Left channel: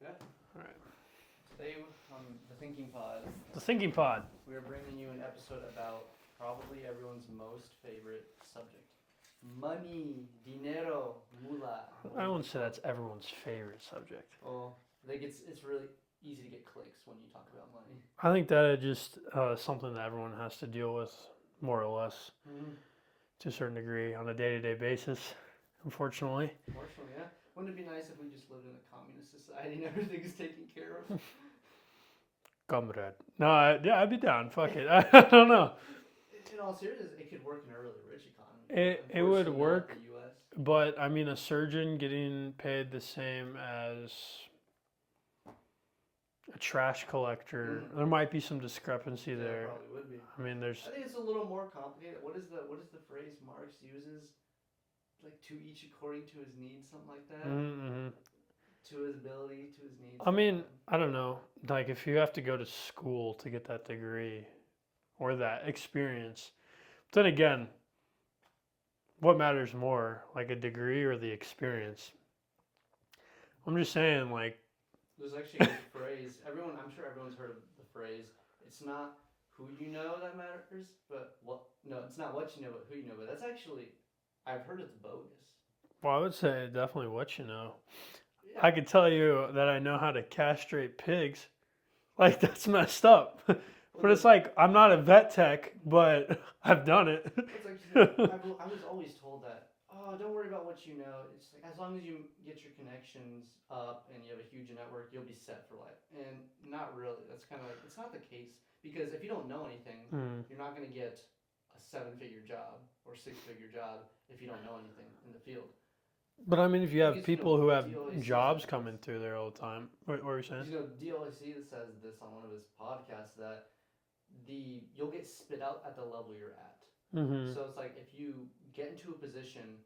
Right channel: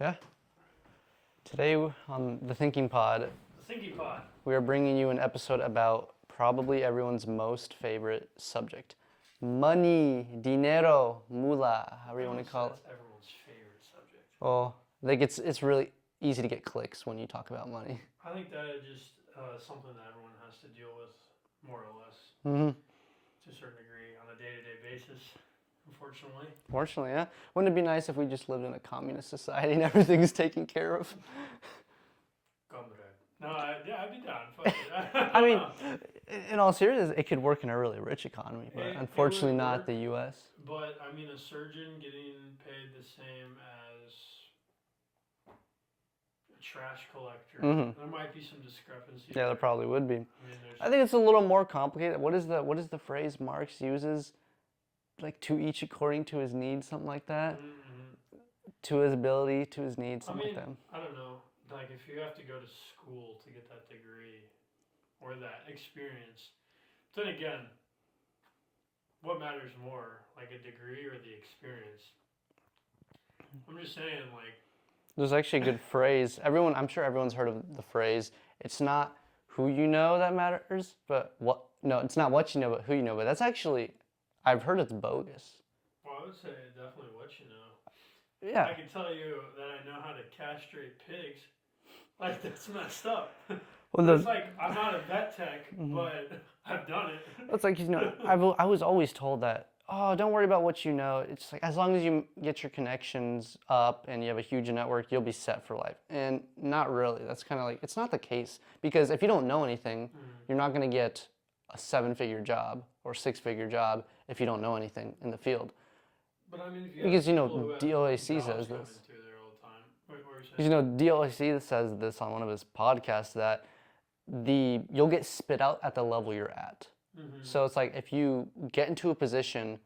Yeah. All right. Today on the Thinking Pod, The Thinking Pod. we are bringing you an episode about probably everyone's most favorite subject. Money, dinero, mula, I however you want wouldn't to say call that's it. everyone's favorite subject. Well, I think it's really easy to get clicks when you talk about money. I think that it just something that everyone has to deal with, more or less, Mm-hmm. to a certain degree, on a day-to-day basis. Unfortunately. Fortunately, yeah. Wouldn't it be nice if we just lived in a communist society and everything's taken care of? Comrade. No, I'd be down. Fuck it. I don't know. In all seriousness, it could work in a really rich economy, but It unfortunately would not work. the U.S. But I mean, a surgeon getting paid the same as a trash collector, Mhm. there might be some discrepancy Yeah, there. there probably would be. I mean, there's. I think it's a little more complicated. What is the phrase Marx uses? Like to each according to his needs, something like that. Mm-hmm. To his ability, to his needs. I Something mean, like I don't know. Like, if you have to go to school to get that degree or that experience, then again, what matters more, like a degree or the experience? I'm just saying, like, there's actually a good phrase. I'm sure everyone's heard of the phrase. It's not who you know that matters, but what. No, it's not what you know, but who you know. But that's actually, I've heard it's bogus. well, I would say definitely what you know. Yeah. I could tell you that I know how to castrate pigs. Like, that's messed up. But it's like, I'm not a vet tech, but I've done it. It's like, I was always told that, oh, don't worry about what you know. It's like, as long as you get your connections up and you have a huge network, you'll be set for life. And not really. That's kind of like, it's not the case. Because if you don't know anything, you're not going to get a 7-figure job or 6-figure job if you don't know anything in the field. But I mean, if you have Because, people who have DOAC jobs says coming this. through there all the time. What were you saying? Because, DOAC says this on one of his podcasts that you'll get spit out at the level you're at. Mm-hmm. So it's like if you get into a position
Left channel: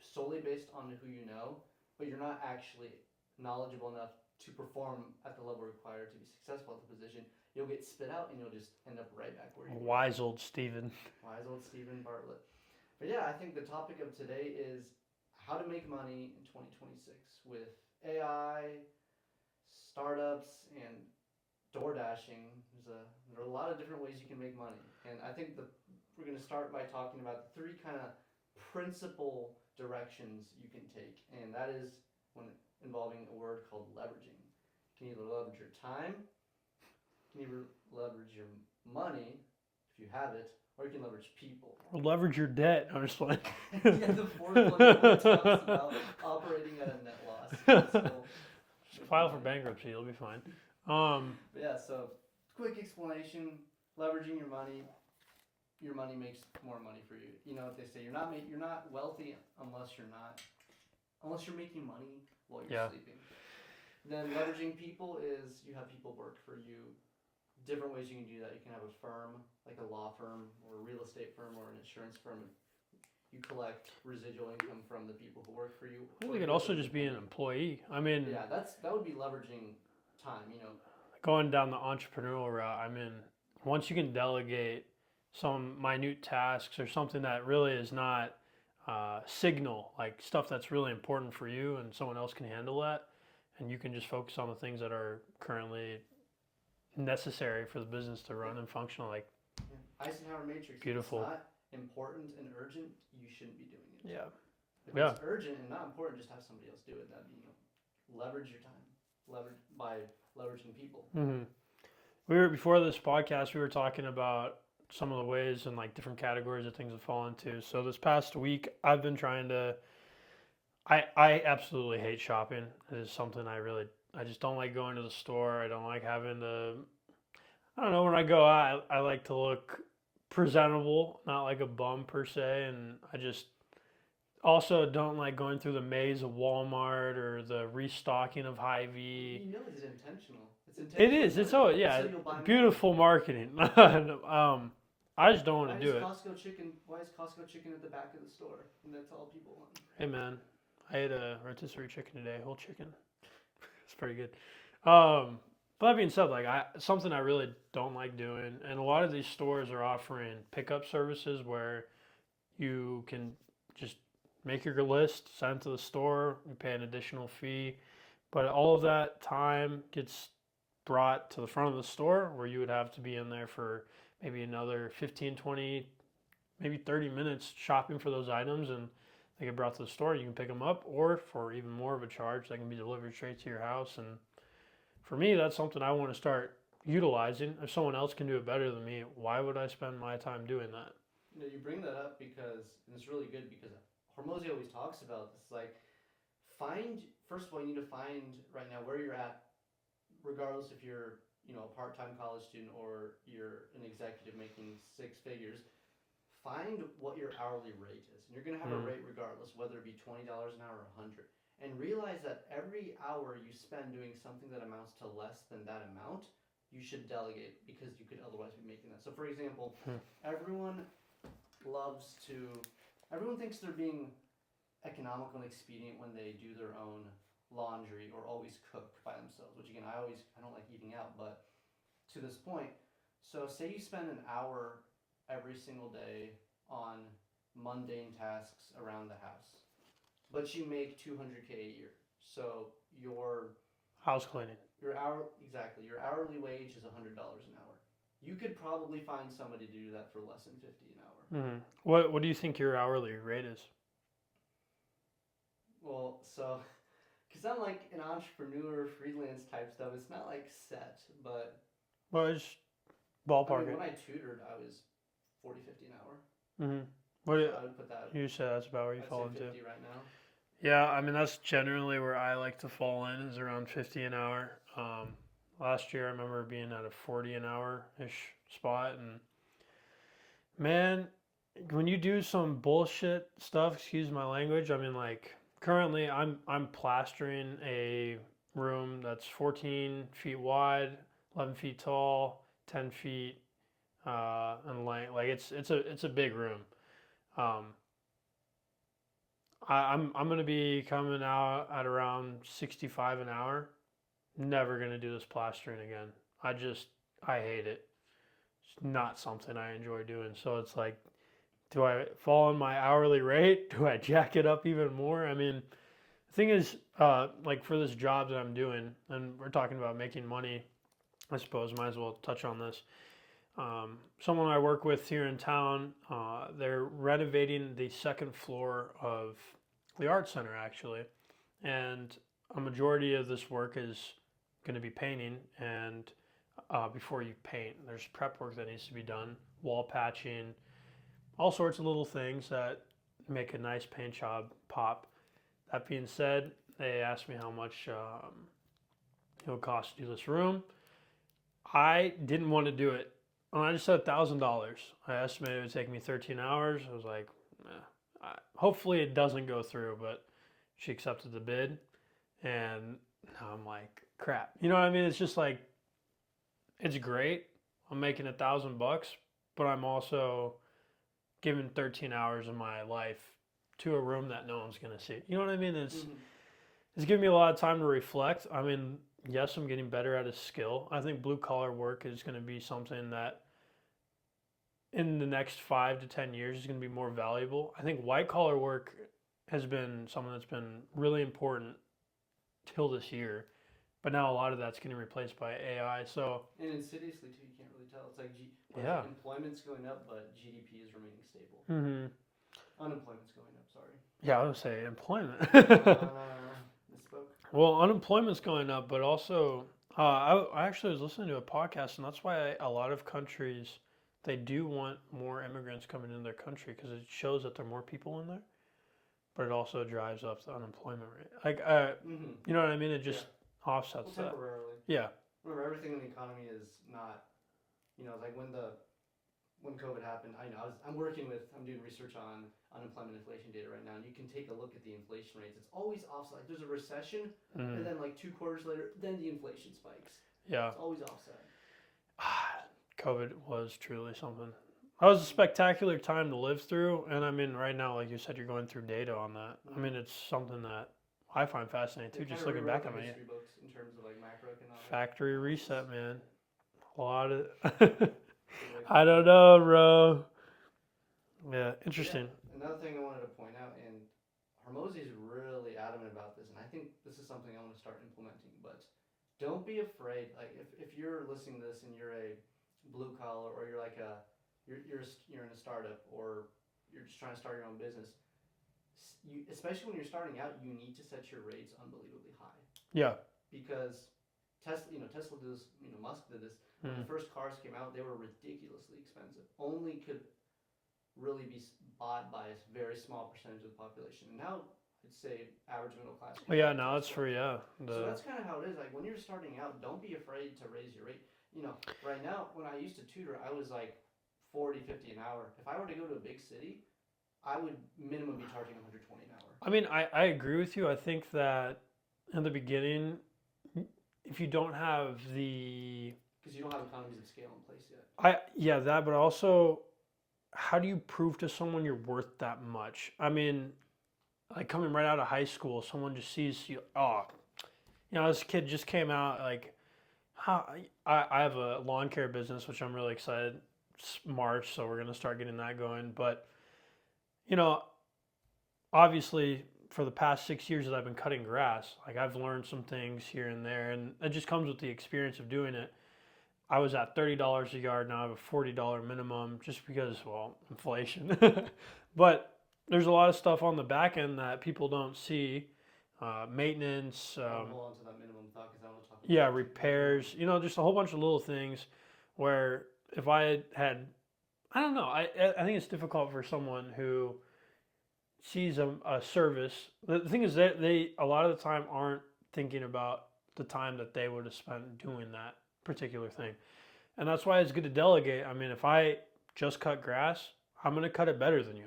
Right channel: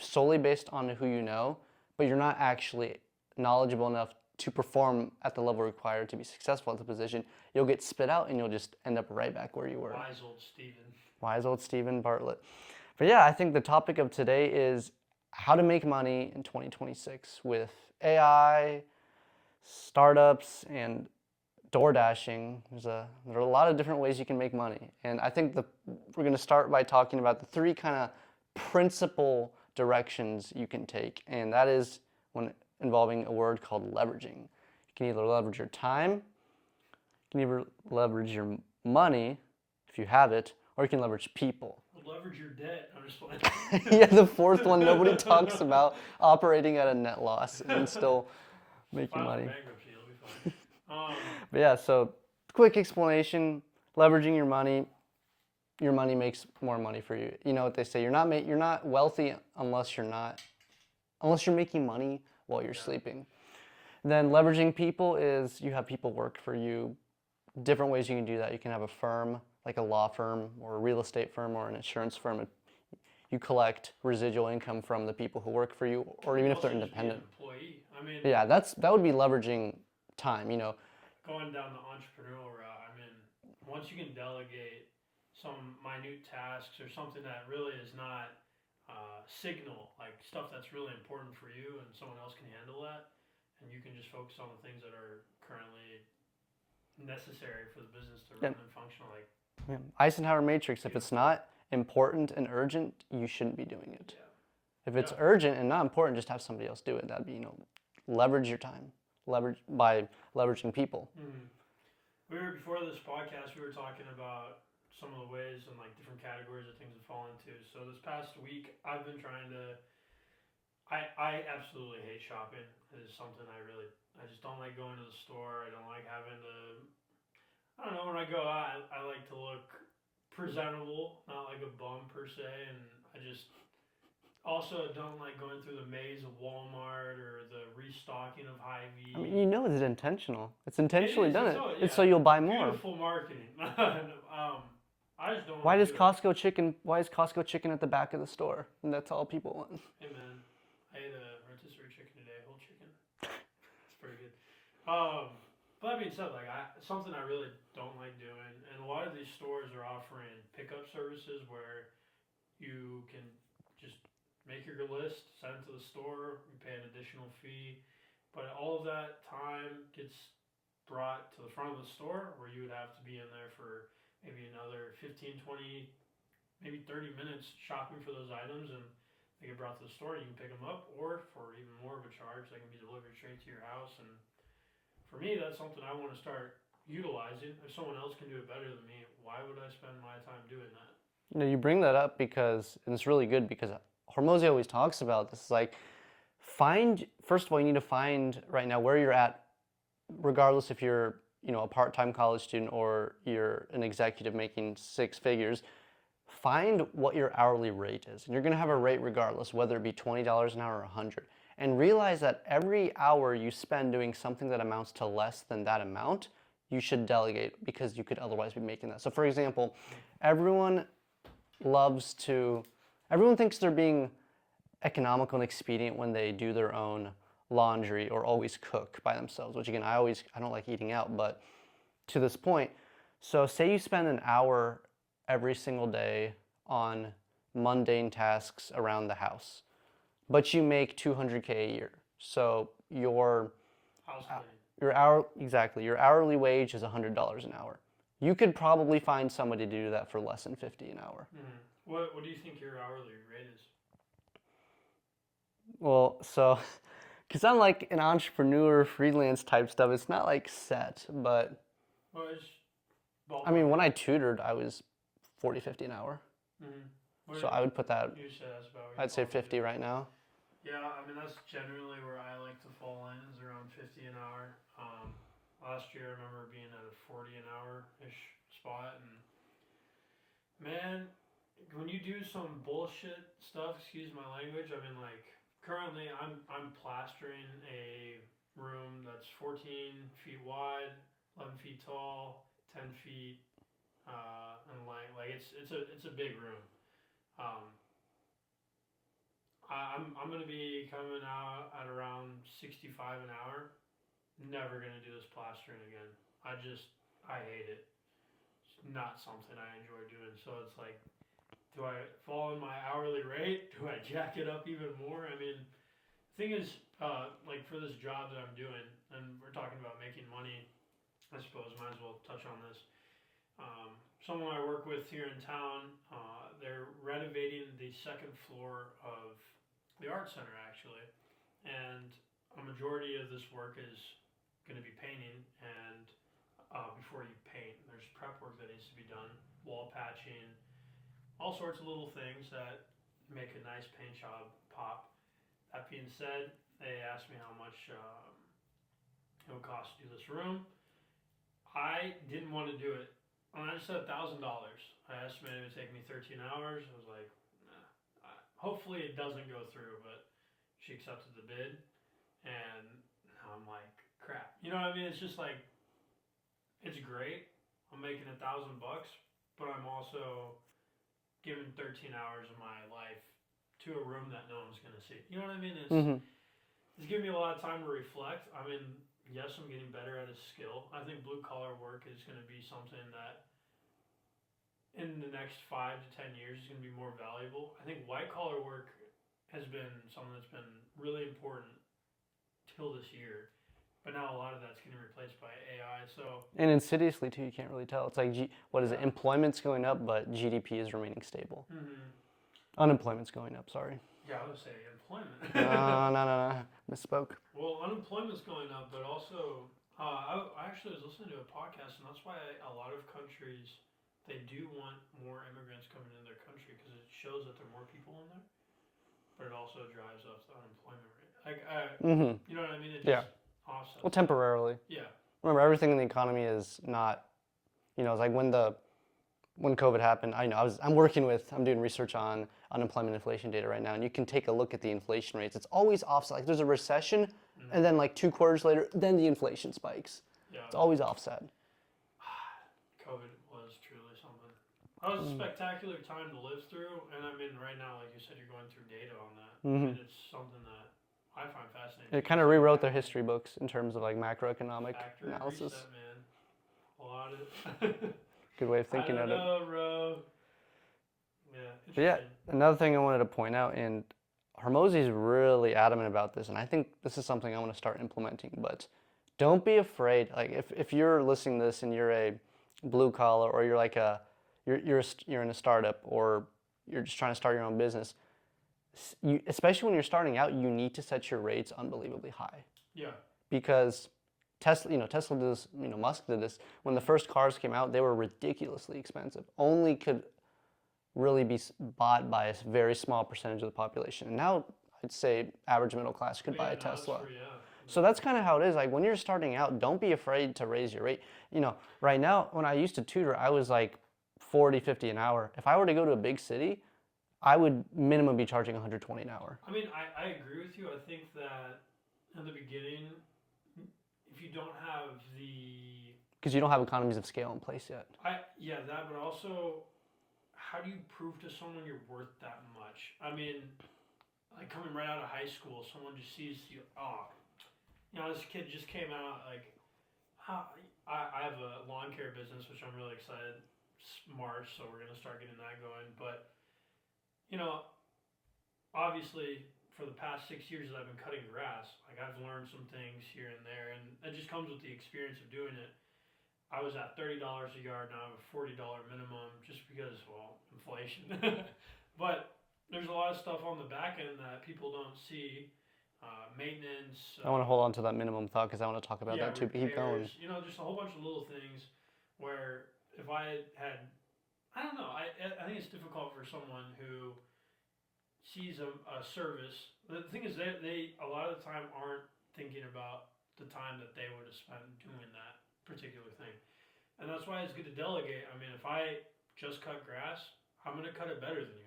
solely based on who you know, but you're not actually knowledgeable enough to perform at the level required to be successful at the position, you'll get spit out and you'll just end up right back where you were. Wise old Steven. Wise old Stephen Bartlett. But yeah, I think the topic of today is how to make money in 2026 with AI, startups, and door dashing. There are a lot of different ways you can make money. And I think we're going to start by talking about the 3 kind of principal directions you can take. And that is when involving a word called leveraging. You can either leverage your time, you can either leverage your money if you have it, or you can leverage people. Or leverage your debt. I'm just playing. Yeah, the 4th one nobody talks about, operating at a net loss and still making File money. for bankruptcy. You'll be fine. But yeah, so quick explanation: leveraging your money makes more money for you. You know what they say: you're not wealthy unless you're making money while you're sleeping. Then leveraging people is you have people work for you. Different ways you can do that. You can have a firm, like a law firm or a real estate firm or an insurance firm. You collect residual income from the people who work for you, or you even could if they're also just be an independent. employee. I mean, Yeah, that would be leveraging time. going down the entrepreneurial route. I mean, once you can delegate some minute tasks or something that really is not signal, like stuff that's really important for you, and someone else can handle that, and you can just focus on the things that are currently necessary for the business to run and function. Like, yeah. Eisenhower matrix. If it's Beautiful. not important and urgent, you shouldn't be doing it. yeah. If it's urgent and not important, just have somebody else do it. That'd be, leverage your time, by leveraging people. Mm-hmm. Before this podcast, we were talking about some of the ways and like different categories of things to fall into. So this past week, I've been trying to. I absolutely hate shopping. It is something I just don't like going to the store. I don't like having to. I don't know, when I go out, I like to look presentable, not like a bum per se, and I just also don't like going through the maze of Walmart or the restocking of Hy-Vee. I mean, it's intentional. It's intentionally It is. done. It's so you'll buy more. Beautiful marketing. I just don't want to do it. Why is Costco chicken at the back of the store? And that's all people want. Hey man, I ate a rotisserie chicken today, whole chicken. It's pretty good. But that being said, like something I really don't like doing, and a lot of these stores are offering pickup services where you can just make your list, send it to the store, you pay an additional fee, But all of that time gets brought to the front of the store where you would have to be in there for maybe another 15, 20, maybe 30 minutes shopping for those items, and they get brought to the store. You can pick them up, or for even more of a charge, they can be delivered straight to your house. And for me, that's something I want to start utilizing. If someone else can do it better than me, why would I spend my time doing that? You know, you bring that up because, and it's really good because Hormozi always talks about this. Like, first of all, you need to find right now where you're at, regardless if you're, you know, a part-time college student or you're an executive making six figures. Find what your hourly rate is, and you're going to have a rate regardless, whether it be $20 an hour or 100. And realize that every hour you spend doing something that amounts to less than that amount, you should delegate because you could otherwise be making that. So, for example, everyone thinks they're being economical and expedient when they do their own laundry or always cook by themselves, which again, I don't like eating out, but to this point, so say you spend an hour every single day on mundane tasks around the house, but you make $200K a year. So your House cleaning. your hourly wage is $100 an hour. You could probably find somebody to do that for less than $50 an hour. What do you think your hourly rate is? Well, so because I'm like an entrepreneur, freelance type stuff, it's not like set, but Well, it's ballpark. I mean, when I tutored, I was 40, 50 an hour. So I would put that, You said that's about where you I'd say fall 50 into. right now. Yeah, I mean that's generally where I like to fall in is around 50 an hour. Last year I remember being at a 40 an hour ish spot, and man, when you do some bullshit stuff, excuse my language. I mean, like currently I'm plastering a room that's 14 feet wide, 11 feet tall, 10 feet in length. Like it's a big room. I'm gonna be coming out at around 65 an hour. Never gonna do this plastering again. I hate it. It's not something I enjoy doing. So it's like, do I fall on my hourly rate? Do I jack it up even more? I mean, the thing is, like for this job that I'm doing, and we're talking about making money, I suppose might as well touch on this. Someone I work with here in town, they're renovating the second floor of the art center actually, and a majority of this work is going to be painting. And before you paint, there's prep work that needs to be done, wall patching, all sorts of little things that make a nice paint job pop. That being said, they asked me how much it would cost to do this room. I didn't want to do it. And I just said $1,000. I estimated it would take me 13 hours. I was like, nah. Hopefully it doesn't go through, but she accepted the bid. And now I'm like, crap. You know what I mean? It's just like, it's great. I'm making $1,000, but I'm also giving 13 hours of my life to a room that no one's going to see. You know what I mean? It's giving me a lot of time to reflect. I mean, yes, I'm getting better at a skill. I think blue collar work is going to be something that in the next 5 to 10 years is going to be more valuable. I think white collar work has been something that's been really important till this year, but now a lot of that's getting replaced by AI. So And insidiously too, you can't really tell. It's like, what is it? Yeah. Employment's going up, but GDP is remaining stable. Unemployment's going up, sorry. yeah, I would say employment. No, misspoke. Well, unemployment's going up, but also I actually was listening to a podcast, and that's why a lot of countries, they do want more immigrants coming into their country because it shows that there are more people in there, but it also drives up the unemployment rate. Like, you know what I mean? It just offsets. Well, that. temporarily. Yeah. Remember, everything in the economy is not, you know, it's like when COVID happened, I'm doing research on unemployment inflation data right now, and you can take a look at the inflation rates. It's always offset. Like there's a recession, and then like 2 quarters later, then the inflation spikes. Yeah. It's always offset. COVID was truly something. That was a spectacular time to live through, and I mean, right now, like you said, you're going through data on that. I mean, it's something that I find fascinating. It kind of rewrote their history books in terms of like macroeconomic Factory analysis. reset, man. A lot of. Good way of I thinking don't of it. know, bro. Yeah, But yeah, interesting. another thing I wanted to point out, and Hormozy's really adamant about this, and I think this is something I want to start implementing. But don't be afraid. Like if you're listening to this and you're a blue collar, or you're like you're in a startup, or you're just trying to start your own business, especially when you're starting out, you need to set your rates unbelievably high. Yeah. Because Tesla did this, Musk did this. When the first cars came out, they were ridiculously expensive. Only could really be bought by a very small percentage of the population. And now I'd say average middle class could buy a Tesla. That's true, yeah. So that's kind of how it is. Like when you're starting out, don't be afraid to raise your rate. Right now, when I used to tutor, I was like 40, 50 an hour. If I were to go to a big city, I would minimum be charging 120 an hour. I mean, I agree with you. I think that in the beginning, if you don't have the... Because you don't have economies of scale in place yet. But also, how do you prove to someone you're worth that much? I mean, like coming right out of high school, someone just sees you, this kid just came out, like, I have a lawn care business, which I'm really excited. It's March, so we're going to start getting that going. But, obviously, for the past 6 years that I've been cutting grass, like I've learned some things here and there, and it just comes with the experience of doing it. I was at $30 a yard, now I have a $40 minimum just because, inflation. But there's a lot of stuff on the back end that people don't see. Maintenance. I want to hold on to that minimum thought because I want to talk about that too. Repairs. Just a whole bunch of little things where if I had, I don't know, I think it's difficult for someone who sees a service. The thing is that they a lot of the time aren't thinking about the time that they would have spent doing that particular thing. And that's why it's good to delegate. I mean, if I just cut grass, I'm going to cut it better than you.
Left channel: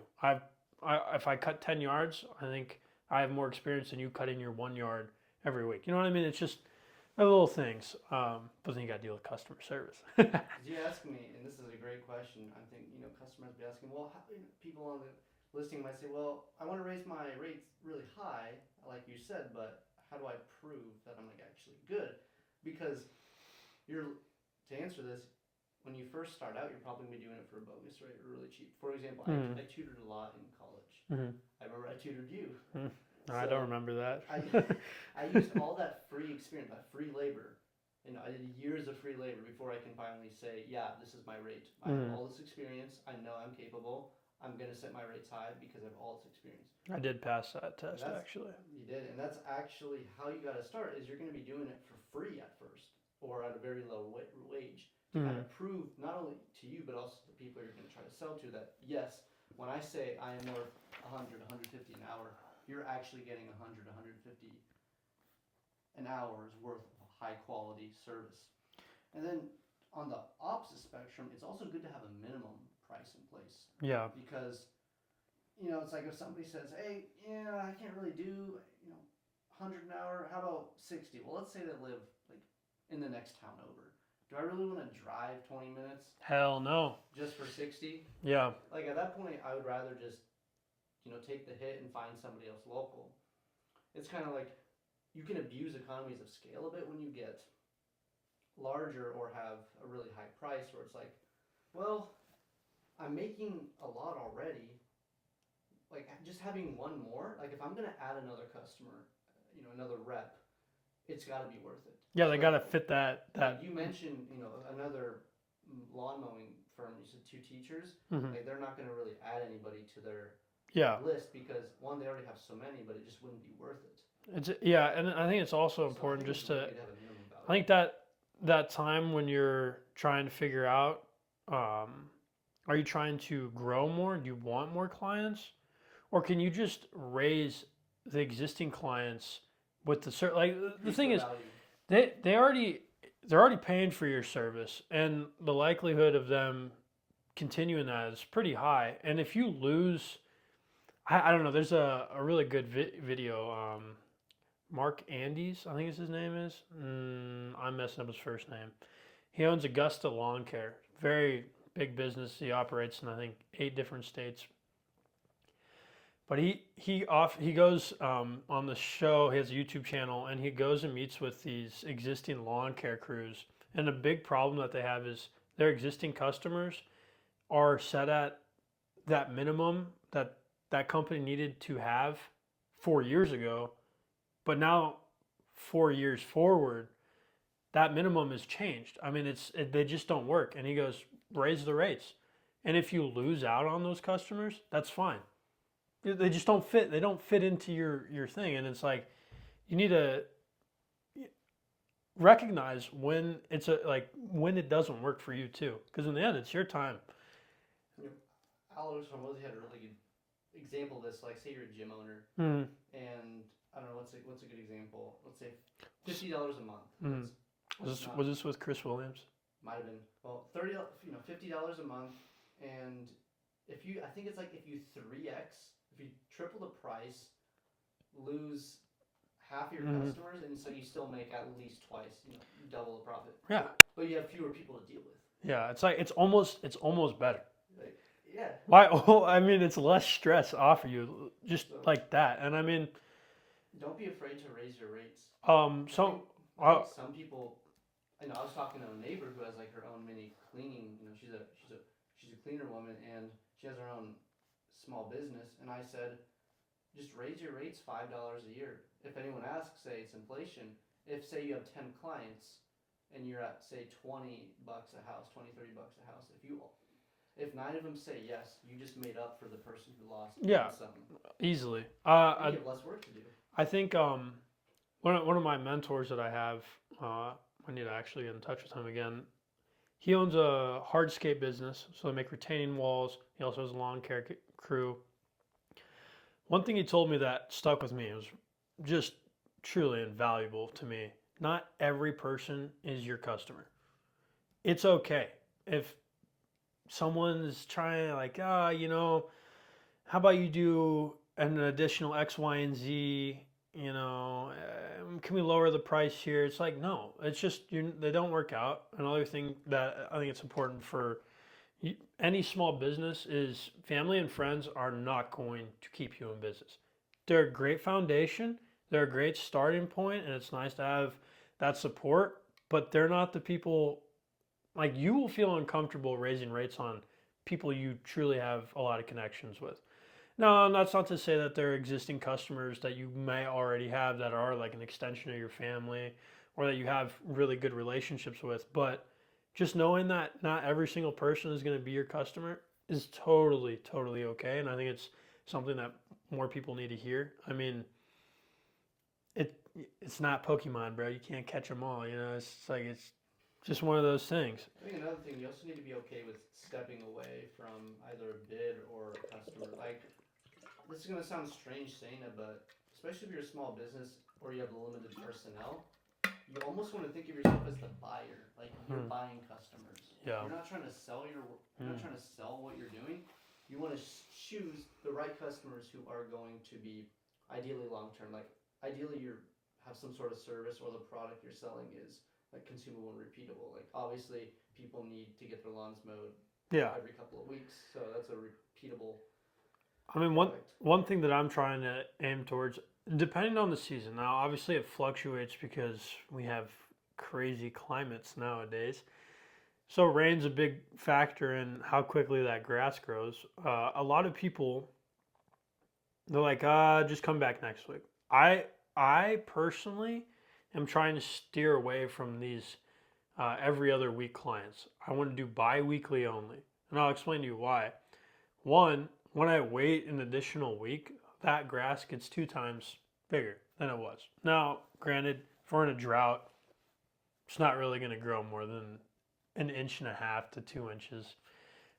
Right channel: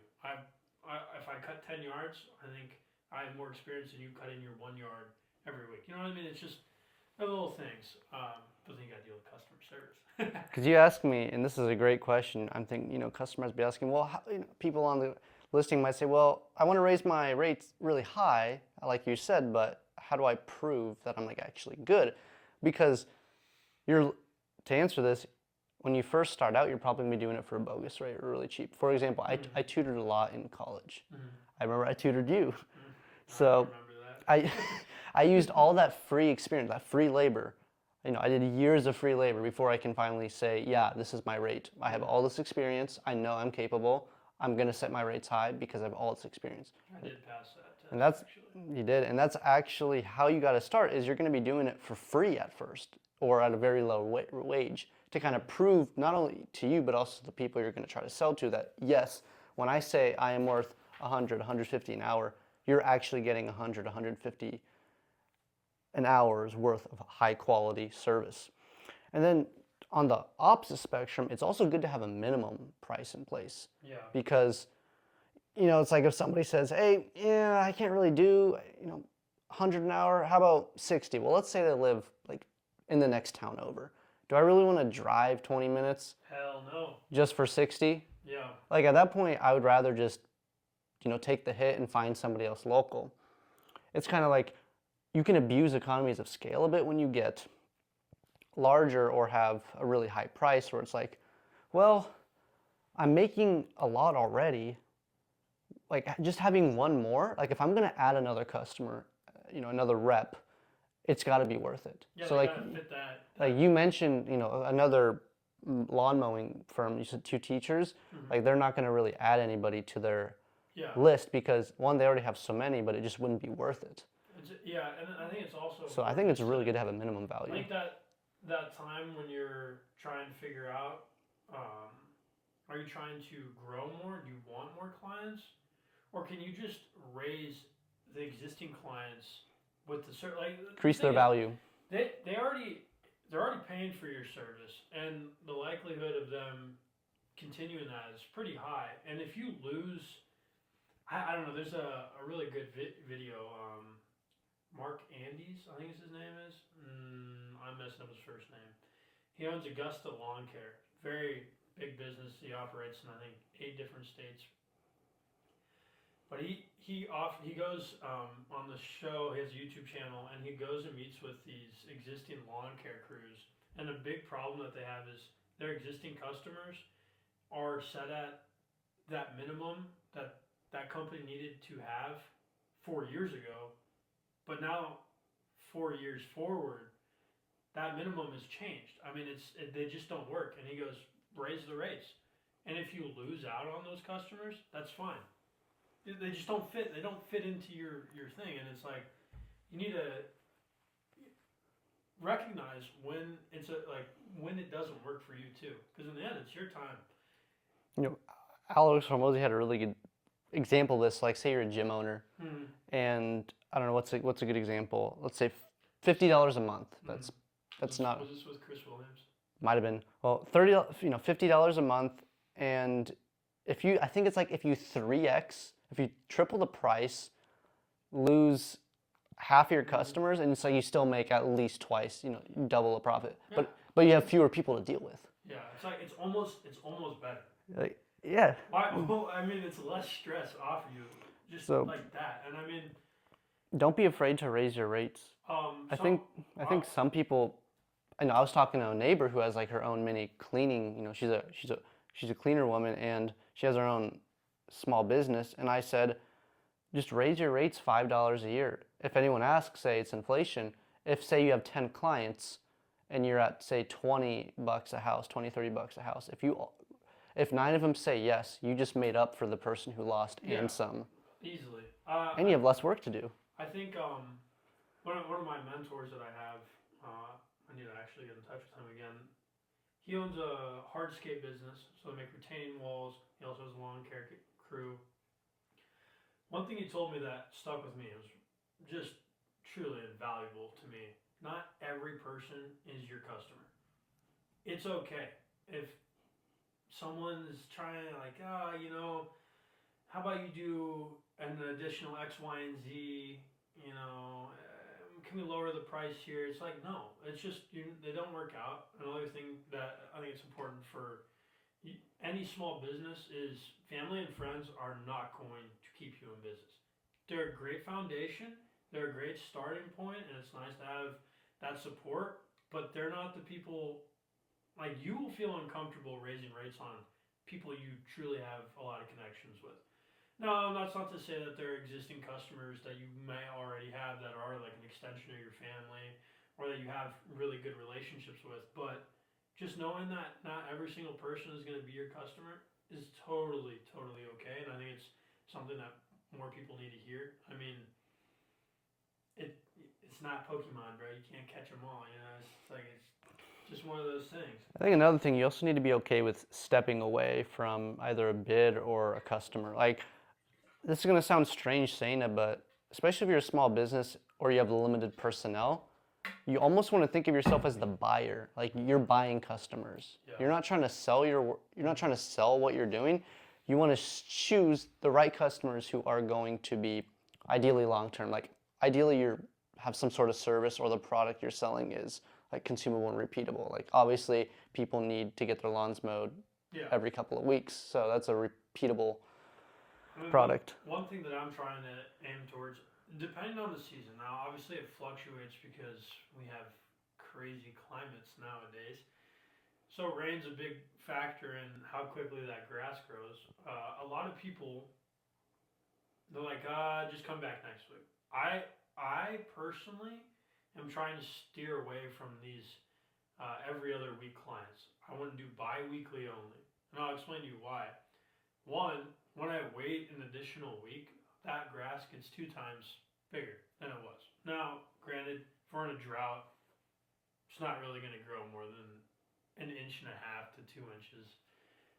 If I cut 10 yards, I think I have more experience than you cutting your 1 yard every week. You know what I mean? It's just little things. But then you got to deal with customer service. Because you ask me, and this is a great question, I'm thinking, customers be asking, well, people on the listing might say, well, I want to raise my rates really high, like you said, but how do I prove that I'm actually good? Because to answer this, when you first start out, you're probably going to be doing it for a bogus rate or really cheap. For example, I tutored a lot in college. Mm-hmm. I remember I tutored you. Mm-hmm. So I remember that. I used all that free experience, that free labor. I did years of free labor before I can finally say, yeah, this is my rate. I have all this experience. I know I'm capable. I'm going to set my rates high because I have all this experience. I did pass that test, actually. You did, and that's actually how you got to start, is you're going to be doing it for free at first or at a very low wage to kind of prove not only to you but also to the people you're going to try to sell to that, yes, when I say I am worth 100, 150 an hour, you're actually getting 100, 150 an hour's worth of high quality service. And then on the opposite spectrum, it's also good to have a minimum price in place. Yeah. Because, it's like if somebody says, hey, yeah, I can't really do, 100 an hour, how about 60? Well, let's say they live in the next town over. Do I really want to drive 20 minutes? Hell no. Just for 60? Yeah. At that point, I would rather just, take the hit and find somebody else local. It's kind of like you can abuse economies of scale a bit when you get larger or have a really high price where it's like, well, I'm making a lot already. Just having one more, if I'm going to add another customer, another rep, it's got to be worth it. Yeah, they got to fit that. You mentioned, another lawn mowing firm, you said 2 teachers. Mm-hmm. They're not going to really add anybody to their list because, one, they already have so many, but it just wouldn't be worth it. And I think it's also important. So I think it's really good to have a minimum value. I think that time when you're trying to figure out, are you trying to grow more? Do you want more clients? Or can you just raise the existing clients with the certain increase their value? They're already paying for your service, and the likelihood of them continuing that is pretty high. And if you lose, I don't know. There's a really good video. Mark Andes, I think his name is. I'm messing up his first name. He owns Augusta Lawn Care. Very big business. He operates in, I think, 8 different states. But he goes on the show. He has a YouTube channel, and he goes and meets with these existing lawn care crews. And the big problem that they have is their existing customers are set at that minimum that company needed to have 4 years ago, but now 4 years forward, that minimum has changed. I mean, they just don't work. And he goes, raise the rates. And if you lose out on those customers, that's fine. They just don't fit. They don't fit into your thing. And it's like, you need to recognize when when it doesn't work for you too. Because in the end, it's your time. You know, Alex Hormozy had a really good example of this. Like, say you're a gym owner, and I don't know what's a good example. Let's say $50 a month. That's not. Was this with Chris Williams? Might have been. Well, $50 a month, and I think it's like if you 3x, if you triple the price, lose half your customers, and it's like you still make at least twice, double the profit. Yeah. But you have fewer people to deal with. Yeah, it's like it's almost better. Like, yeah. Why? Well, I mean, it's less stress off of you, just like that. And I mean, don't be afraid to raise your rates. I think some people. I know I was talking to a neighbor who has like her own mini cleaning. She's a cleaner woman, and she has her own small business. And I said, just raise your rates $5 a year. If anyone asks, say it's inflation. If say you have 10 clients, and you're at say $20 a house, $20, $30 a house. If 9 of them say yes, you just made up for the person who lost and some. Easily. And you have less work to do. I think one of my mentors that I have, I need to actually get in touch with him again. He owns a hardscape business, so they make retaining walls. He also has a lawn care crew. One thing he told me that stuck with me, it was just truly invaluable to me. Not every person is your customer. It's okay if someone's trying to like, how about you do an additional X, Y, and Z, can we lower the price here? It's like, no, it's just, they don't work out. Another thing that I think it's important for any small business is family and friends are not going to keep you in business. They're a great foundation. They're a great starting point, and it's nice to have that support, but they're not the people, like, you will feel uncomfortable raising rates on people you truly have a lot of connections with. No, that's not to say that there are existing customers that you may already have that are like an extension of your family or that you have really good relationships with, but just knowing that not every single person is going to be your customer is totally, totally okay. And I think it's something that more people need to hear. I mean, it's not Pokemon, bro. You can't catch them all. It's like it's just one of those things. I think another thing, you also need to be okay with stepping away from either a bid or a customer. Like, this is going to sound strange saying it, but especially if you're a small business or you have limited personnel, you almost want to think of yourself as the buyer. Like, you're buying customers. Yeah. You're not trying to sell you're not trying to sell what you're doing. You want to choose the right customers who are going to be ideally long-term. Like, ideally you have some sort of service or the product you're selling is like consumable and repeatable. Like, obviously people need to get their lawns mowed every couple of weeks. So that's a repeatable product. One thing that I'm trying to aim towards, depending on the season. Now, obviously it fluctuates because we have crazy climates nowadays. So rain's a big factor in how quickly that grass grows. A lot of people, they're like, just come back next week. I personally am trying to steer away from these every other week clients. I want to do bi-weekly only. And I'll explain to you why. One, when I wait an additional week, that grass gets 2 times bigger than it was. Now, granted, if we're in a drought, it's not really going to grow more than 1.5 inches to 2 inches.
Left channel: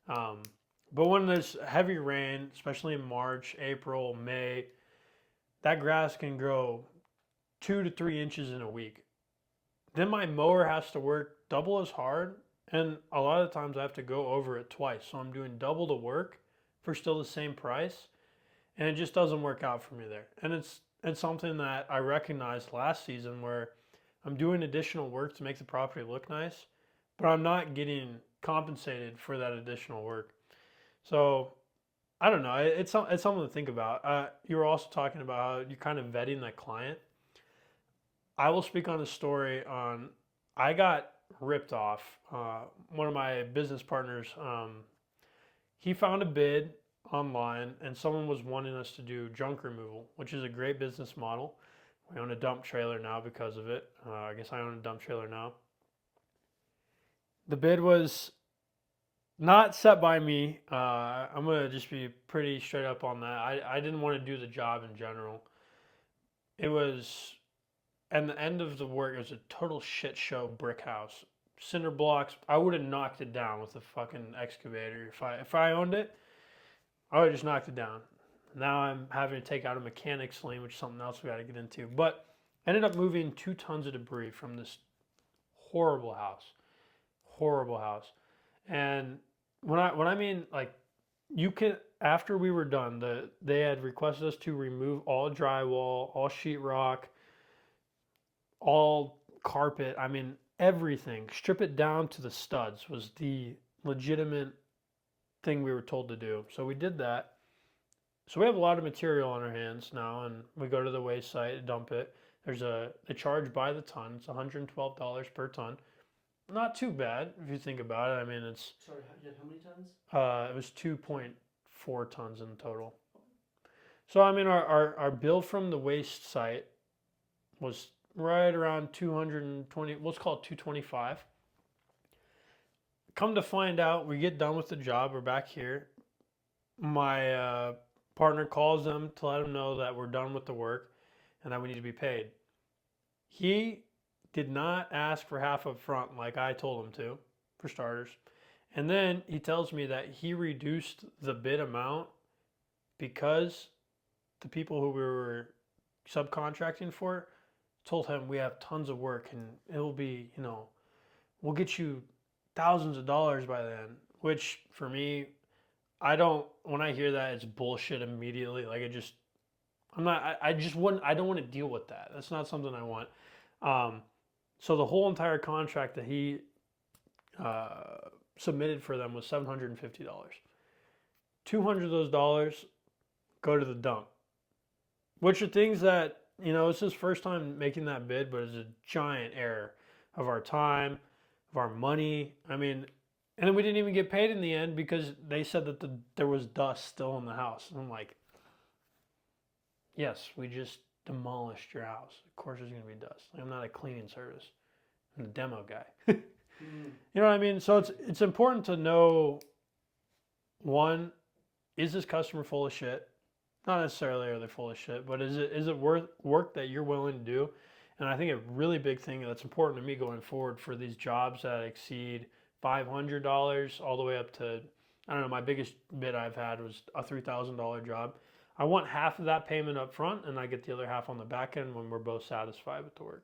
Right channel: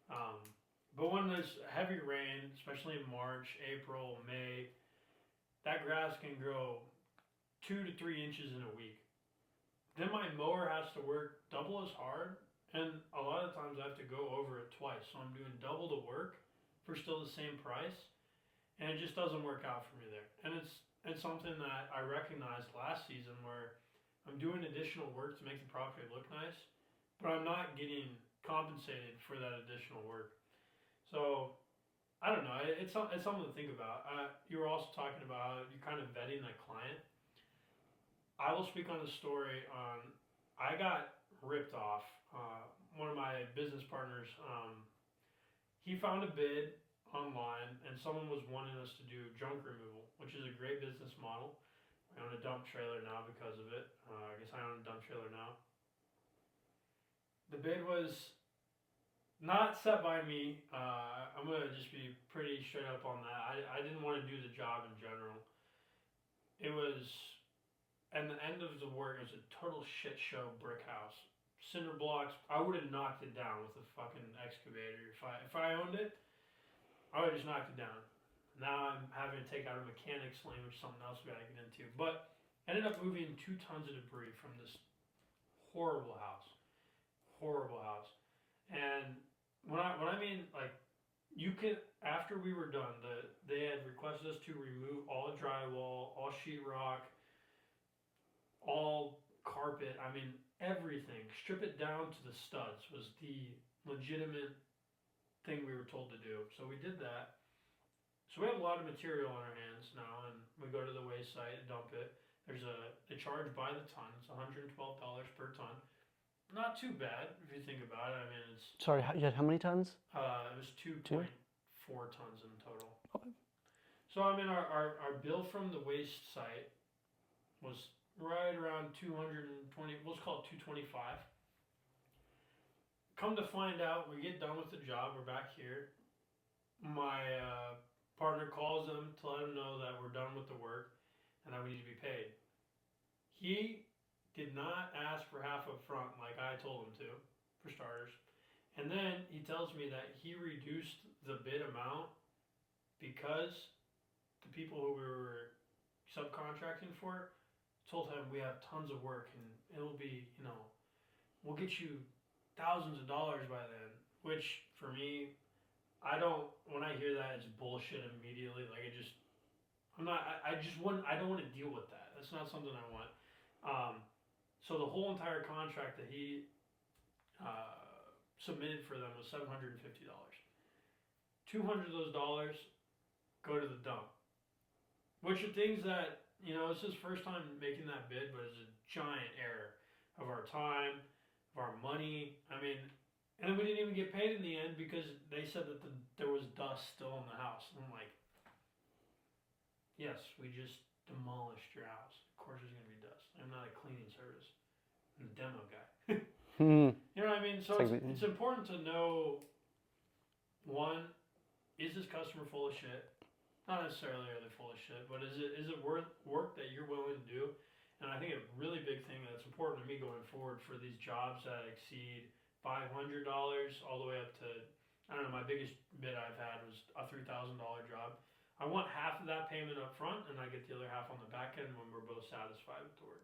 But when there's heavy rain, especially in March, April, May, that grass can grow 2 to 3 inches in a week. Then my mower has to work double as hard, and a lot of times I have to go over it twice. So I'm doing double the work for still the same price, and it just doesn't work out for me there. And it's something that I recognized last season where I'm doing additional work to make the property look nice, but I'm not getting compensated for that additional work. So I don't know. It's something to think about. You were also talking about how you're kind of vetting that client. I will speak on a story on, I got ripped off. One of my business partners, he found a bid online, and someone was wanting us to do junk removal, which is a great business model. We own a dump trailer now because of it. I guess I own a dump trailer now. The bid was not set by me. I'm going to just be pretty straight up on that. I didn't want to do the job in general. It was, and the end of the work, it was a total shit show brick house. Cinder blocks. I would have knocked it down with a fucking excavator. If I owned it, I would have just knocked it down. Now I'm having to take out a mechanic's lien, which is something else we got to get into. But I ended up moving 2 tons of debris from this horrible house. And when I mean, like, you can, after we were done, they had requested us to remove all drywall, all sheetrock, all carpet. I mean, everything. Strip it down to the studs was the legitimate thing we were told to do. So we did that. So we have a lot of material on our hands now, and we go to the waste site, dump it. They charge by the ton. It's $112 per ton. Not too bad if you think about it. I mean, it's Sorry, you had how many tons? it was 2.4 tons in total. Okay. So I mean, our bill from the waste site was right around 220. Let's call it 225. Come to find out, we get done with the job. We're back here. My partner calls them to let them know that we're done with the work and that we need to be paid. He did not ask for half up front like I told him to, for starters. And then he tells me that he reduced the bid amount because the people who we were subcontracting for told him we have tons of work and it'll be, we'll get you thousands of dollars by then. Which for me, when I hear that, it's bullshit immediately. Like I don't want to deal with that. That's not something I want. So the whole entire contract that he submitted for them was $750. 200 of those dollars go to the dump, which are things that, it's his first time making that bid, but it's a giant error of our time, of our money. I mean, and then we didn't even get paid in the end because they said that there was dust still in the house. And I'm like, yes, we just demolished your house. Of course there's going to be dust. I'm not a cleaning service. I'm the demo guy. You know what I mean? So it's important to know, one, is this customer full of shit? Not necessarily are they full of shit, but is it worth work that you're willing to do? And I think a really big thing that's important to me going forward for these jobs that exceed $500 all the way up to, I don't know, my biggest bid I've had was a $3,000 job. I want half of that payment up front and I get the other half on the back end when we're both satisfied with the work.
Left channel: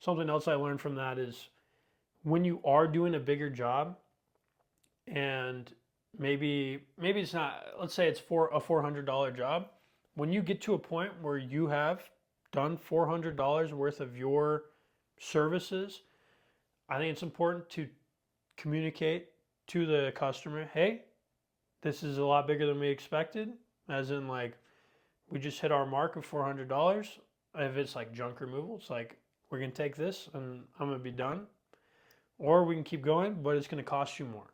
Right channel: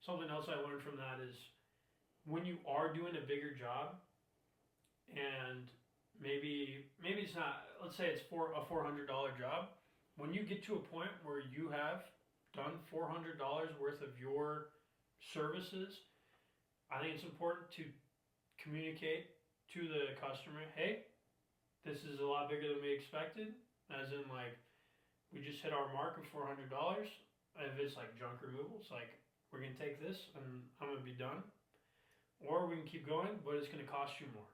Something else I learned from that is when you are doing a bigger job and maybe it's not, let's say it's for a $400 job, when you get to a point where you have done $400 worth of your services, I think it's important to communicate to the customer, hey, this is a lot bigger than we expected. As in, like, we just hit our mark of $400. If it's like junk removal, it's like, we're going to take this and I'm going to be done. Or we can keep going, but it's going to cost you more.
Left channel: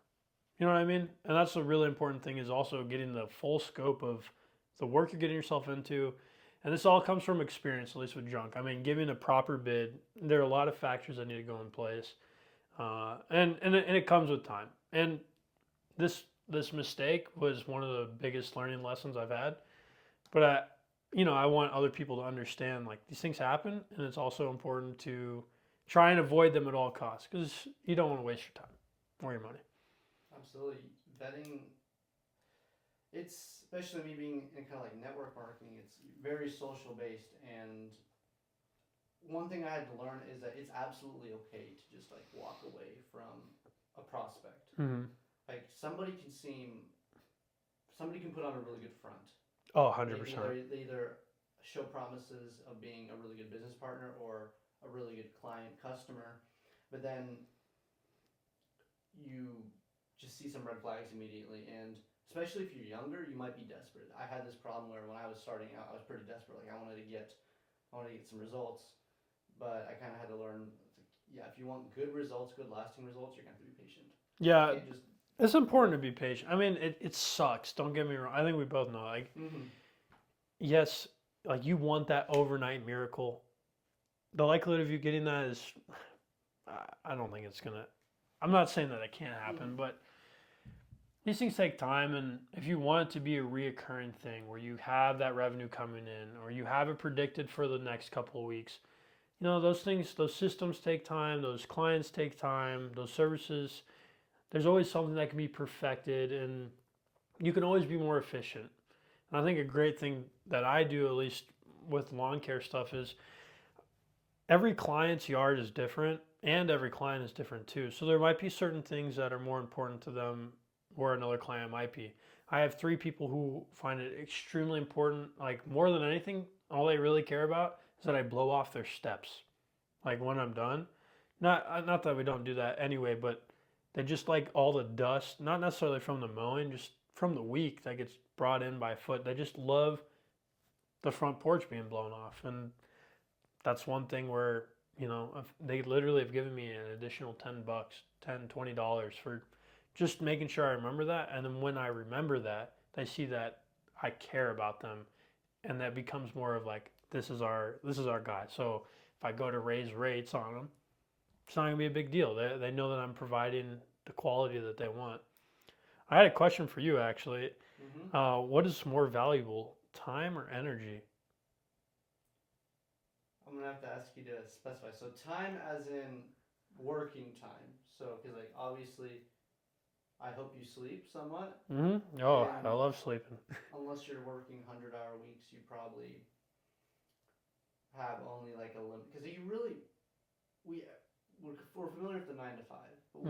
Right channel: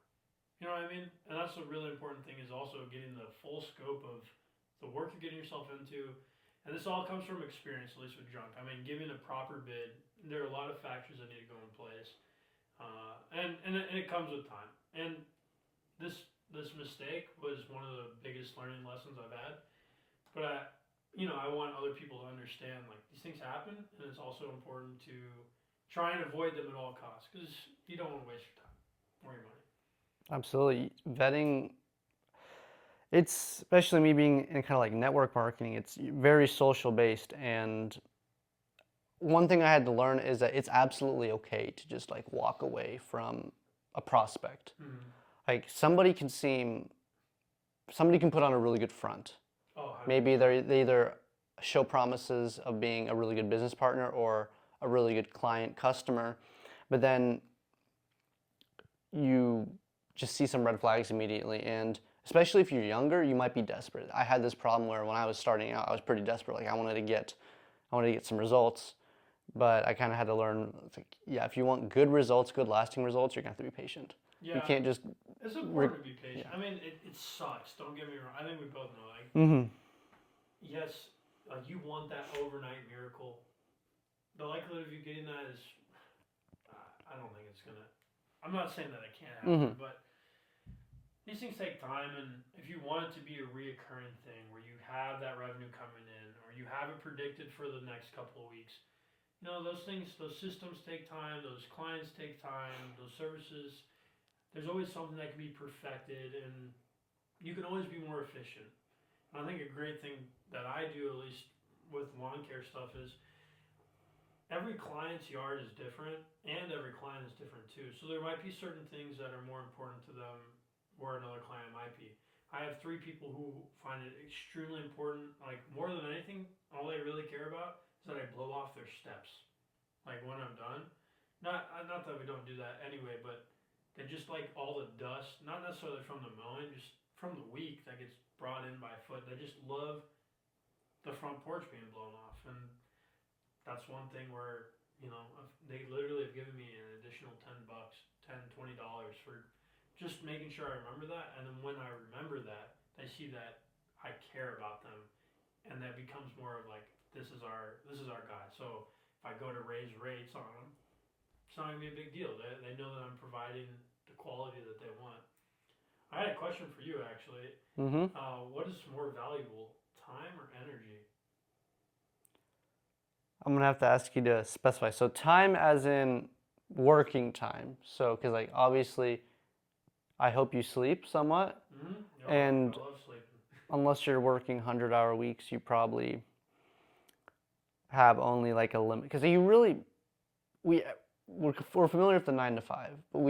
You know what I mean? And that's a really important thing, is also getting the full scope of the work you're getting yourself into. And this all comes from experience, at least with junk. I mean, giving a proper bid, there are a lot of factors that need to go in place. And it comes with time. And this mistake was one of the biggest learning lessons I've had. But I want other people to understand, like, these things happen, and it's also important to try and avoid them at all costs because you don't want to waste your time or your money. Absolutely. Vetting, it's, especially me being in kind of like network marketing, it's very social based. And one thing I had to learn is that it's absolutely okay to just like walk away from a prospect. Mm-hmm. Like somebody can put on a really good front. Oh, 100%. Maybe they either show promises of being a really good business partner or a really good client customer, but then you just see some red flags immediately. And especially if you're younger, you might be desperate. I had this problem where when I was starting out, I was pretty desperate. Like I wanted to get some results, But I kind of had to learn, it's like, yeah, if you want good results, good lasting results, you're gonna have to be patient. You Yeah, can't just. it's important to be patient. I mean, it sucks. Don't get me wrong. I think we both know. Like, Mm-hmm. yes, like you want that overnight miracle. The likelihood of you getting that is, I don't think it's gonna. I'm not saying that it can't happen, Mhm. but these things take time. And if you want it to be a reoccurring thing where you have that revenue coming in, or you have it predicted for the next couple of weeks, those things, those systems take time. Those clients take time. Those services. There's always something that can be perfected, and you can always be more efficient. And I think a great thing that I do, at least with lawn care stuff, is every client's yard is different and every client is different too. So there might be certain things that are more important to them where another client might be. I have 3 people who find it extremely important, like more than anything, all they really care about is that I blow off their steps. Like when I'm done. Not that we don't do that anyway, but they just like all the dust, not necessarily from the mowing, just from the week that gets brought in by foot. They just love the front porch being blown off. And that's one thing where, if they literally have given me an additional $10, $20 for just making sure I remember that. And then when I remember that, they see that I care about them, and that becomes more of like, this is our guy. So if I go to raise rates on them, it's not gonna be a big deal. They know that I'm providing the quality that they want. I had a question for you actually. Mm-hmm. What is more valuable, time or energy? I'm gonna have to ask you to specify. So time as in working time. So, because like obviously, I hope you sleep somewhat, Oh, I and love sleeping. unless you're working 100-hour weeks, you probably have only like a limit. Because you really, we we're familiar with the 9 to 5, but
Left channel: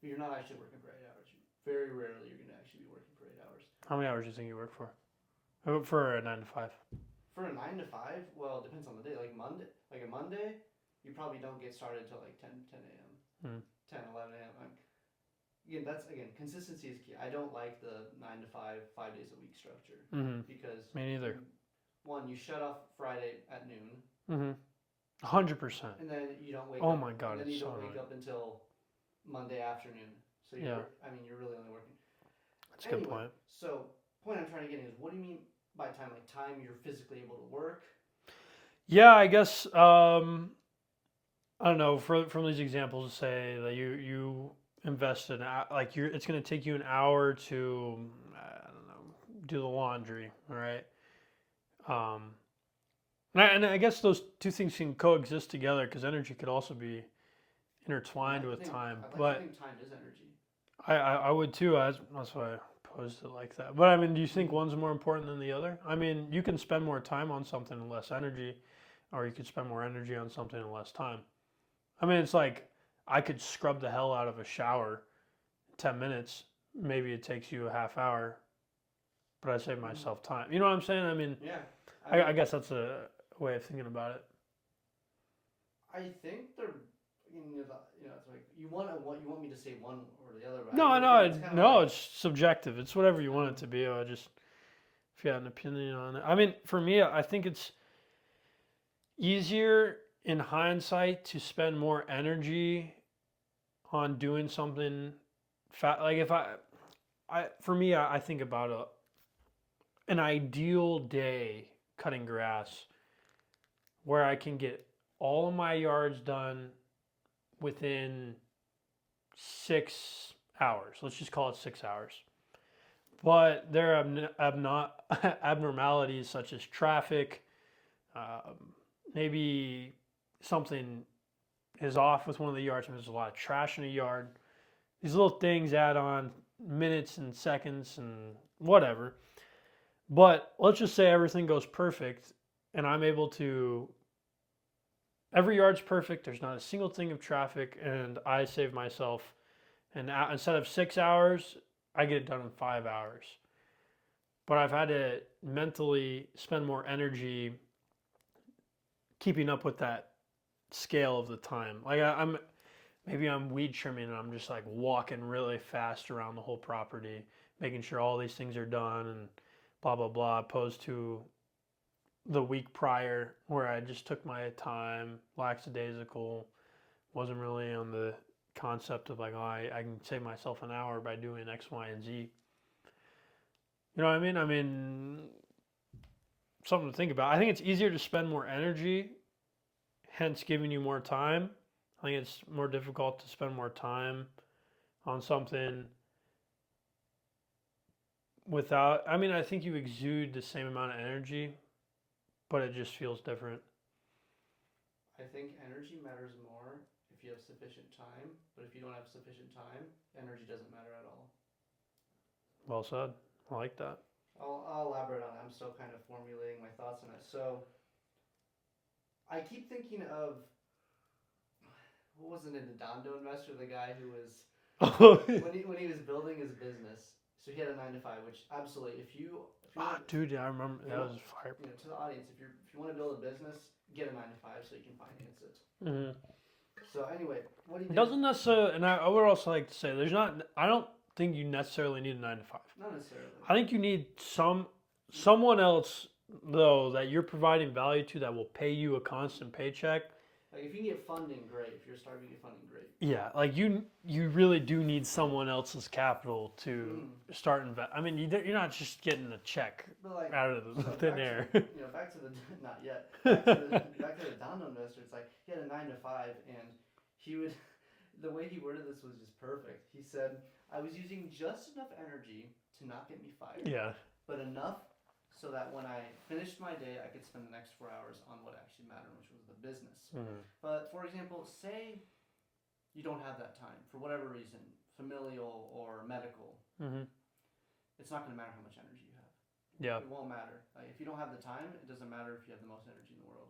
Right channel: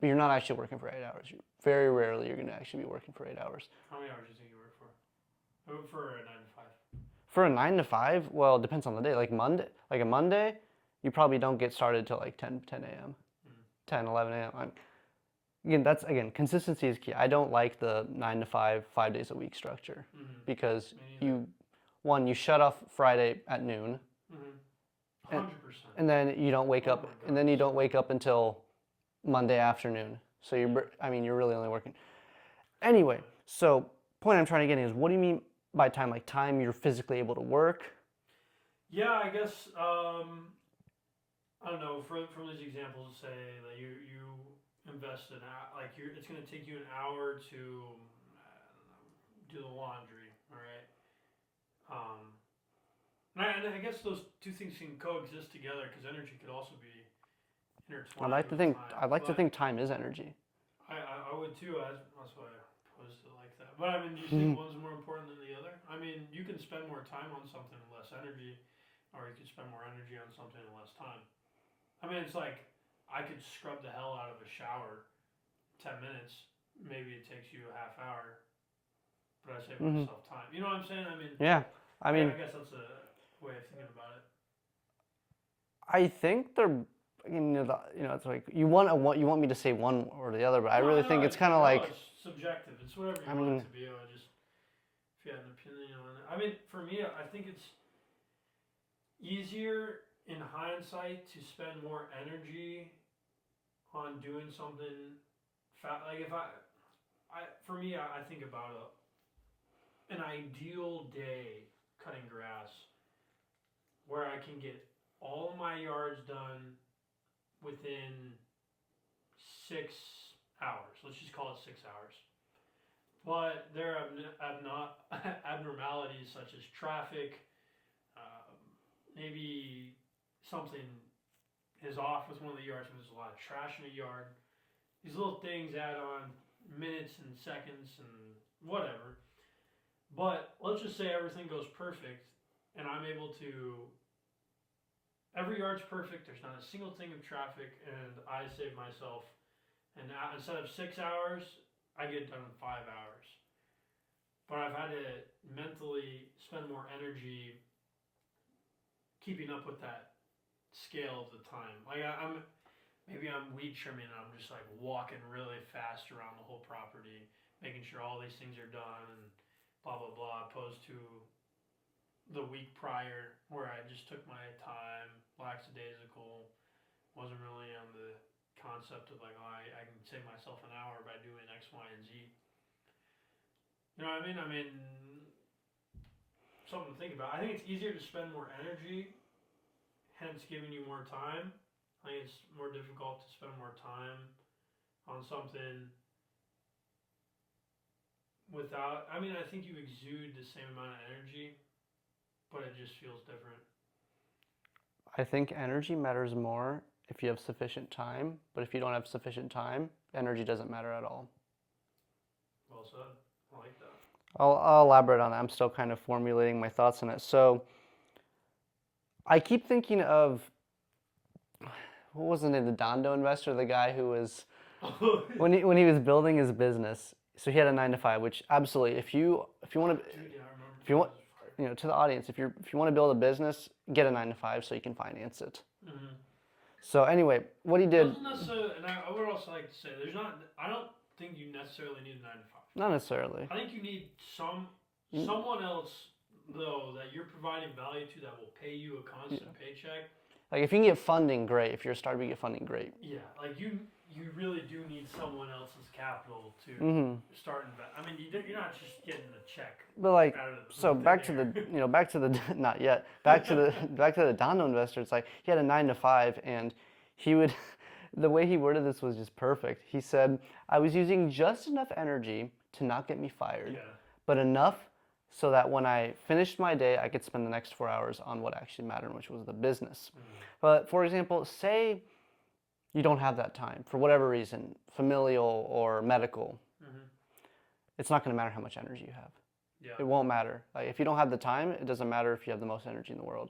but you're not actually working for 8 hours. Very rarely you're gonna actually be working for 8 hours. How many hours do you think you work for? I work for a 9 to 5. For a 9 to 5, well, it depends on the day. Like a Monday, you probably don't get started till like 10 a.m., Mm. 10, 11 a.m. Again, consistency is key. I don't like the 9 to 5, 5 days a week structure Mm-hmm. because Me neither. you shut off Friday at noon, Mm-hmm. 100%. and then you don't wake Oh up, my God, and then you so don't wake up until Monday afternoon. So Yeah. you're really only working. That's a good Anyway, point. so point I'm trying to get is, what do you mean by time? Like time you're physically able to work? Yeah, I guess I don't know. From these examples, say that you invested like it's going to take you an hour to I don't know, do the laundry, all right? Um, and I guess those two things can coexist together because energy could also be intertwined with time. I'd like to But think time is energy. I would too. That's why I posed it like that. But I mean, do you think Mhm. one's more important than the other? I mean, you can spend more time on something and less energy, or you could spend more energy on something and less time. I mean, it's like I could scrub the hell out of a shower in 10 minutes. Maybe it takes you a half hour, but I save Mhm. myself time. You know what I'm saying? I mean, Yeah, I I mean, guess that's a way of thinking about it. I think they're, it's like you want me to say one or the other, but I No, really no, think it's kind of no. like, It's subjective. It's whatever you I want it mean, to be. I just if you had an opinion on it. I mean, for me, I think it's easier in hindsight to spend more energy on doing something like if for me, I think about an ideal day cutting grass where I can get all of my yards done within 6 hours. Let's just call it 6 hours. But there are abnormalities such as traffic, um, maybe something is off with one of the yards, and there's a lot of trash in a yard. These little things add on minutes and seconds and whatever. But let's just say everything goes perfect and I'm able to, every yard's perfect, there's not a single thing of traffic, and I save myself, and instead of 6 hours, I get it done in 5 hours. But I've had to mentally spend more energy keeping up with that scale of the time. Like maybe I'm weed trimming and I'm just like walking really fast around the whole property, making sure all these things are done and blah blah blah. Opposed to the week prior where I just took my time, lackadaisical, wasn't really on the concept of like, oh, I can save myself an hour by doing X, Y, and Z. You know what I mean? I mean, something to think about. I think it's easier to spend more energy, hence giving you more time. I think it's more difficult to spend more time on something without. I mean, I think you exude the same amount of energy, but it just feels different. I think energy matters more if you have sufficient time, but if you don't have sufficient time, energy doesn't matter at all. Well said. I like that. I'll elaborate on that. I'm still kind of formulating my thoughts on it. So I keep thinking of, what was the name, the Dondo investor, the guy who was, when he was building his business. So he had a 9 to 5, which absolutely, if you want to, dude, I remember. if you want, to the audience, if you want to build a business, get a 9 to 5 so you can finance it. Mm-hmm. So anyway, what he did, Doesn't necessarily, and I would also like to say, I don't think you necessarily need a 9 to 5. not necessarily. I think you need someone else though that you're providing value to that will pay you a constant paycheck. Like if you can get funding, great. If you're a startup, you get funding, great. Yeah, like you really do need someone else's capital to start invest. I mean, you're not just getting a check. But like, out of the so thin back air. to the, back to the, not yet, back to the, back to the Dondo investor. It's like he had a 9 to 5, and he would, the way he worded this was just perfect. He said, I was using just enough energy to not get me fired, Yeah. but enough so that when I finished my day, I could spend the next 4 hours on what actually mattered, which was the business. But for example, say you don't have that time for whatever reason, familial or medical. It's not going to matter how much energy you have. Yeah. It won't matter. Like if you don't have the time, it doesn't matter if you have the most energy in the world.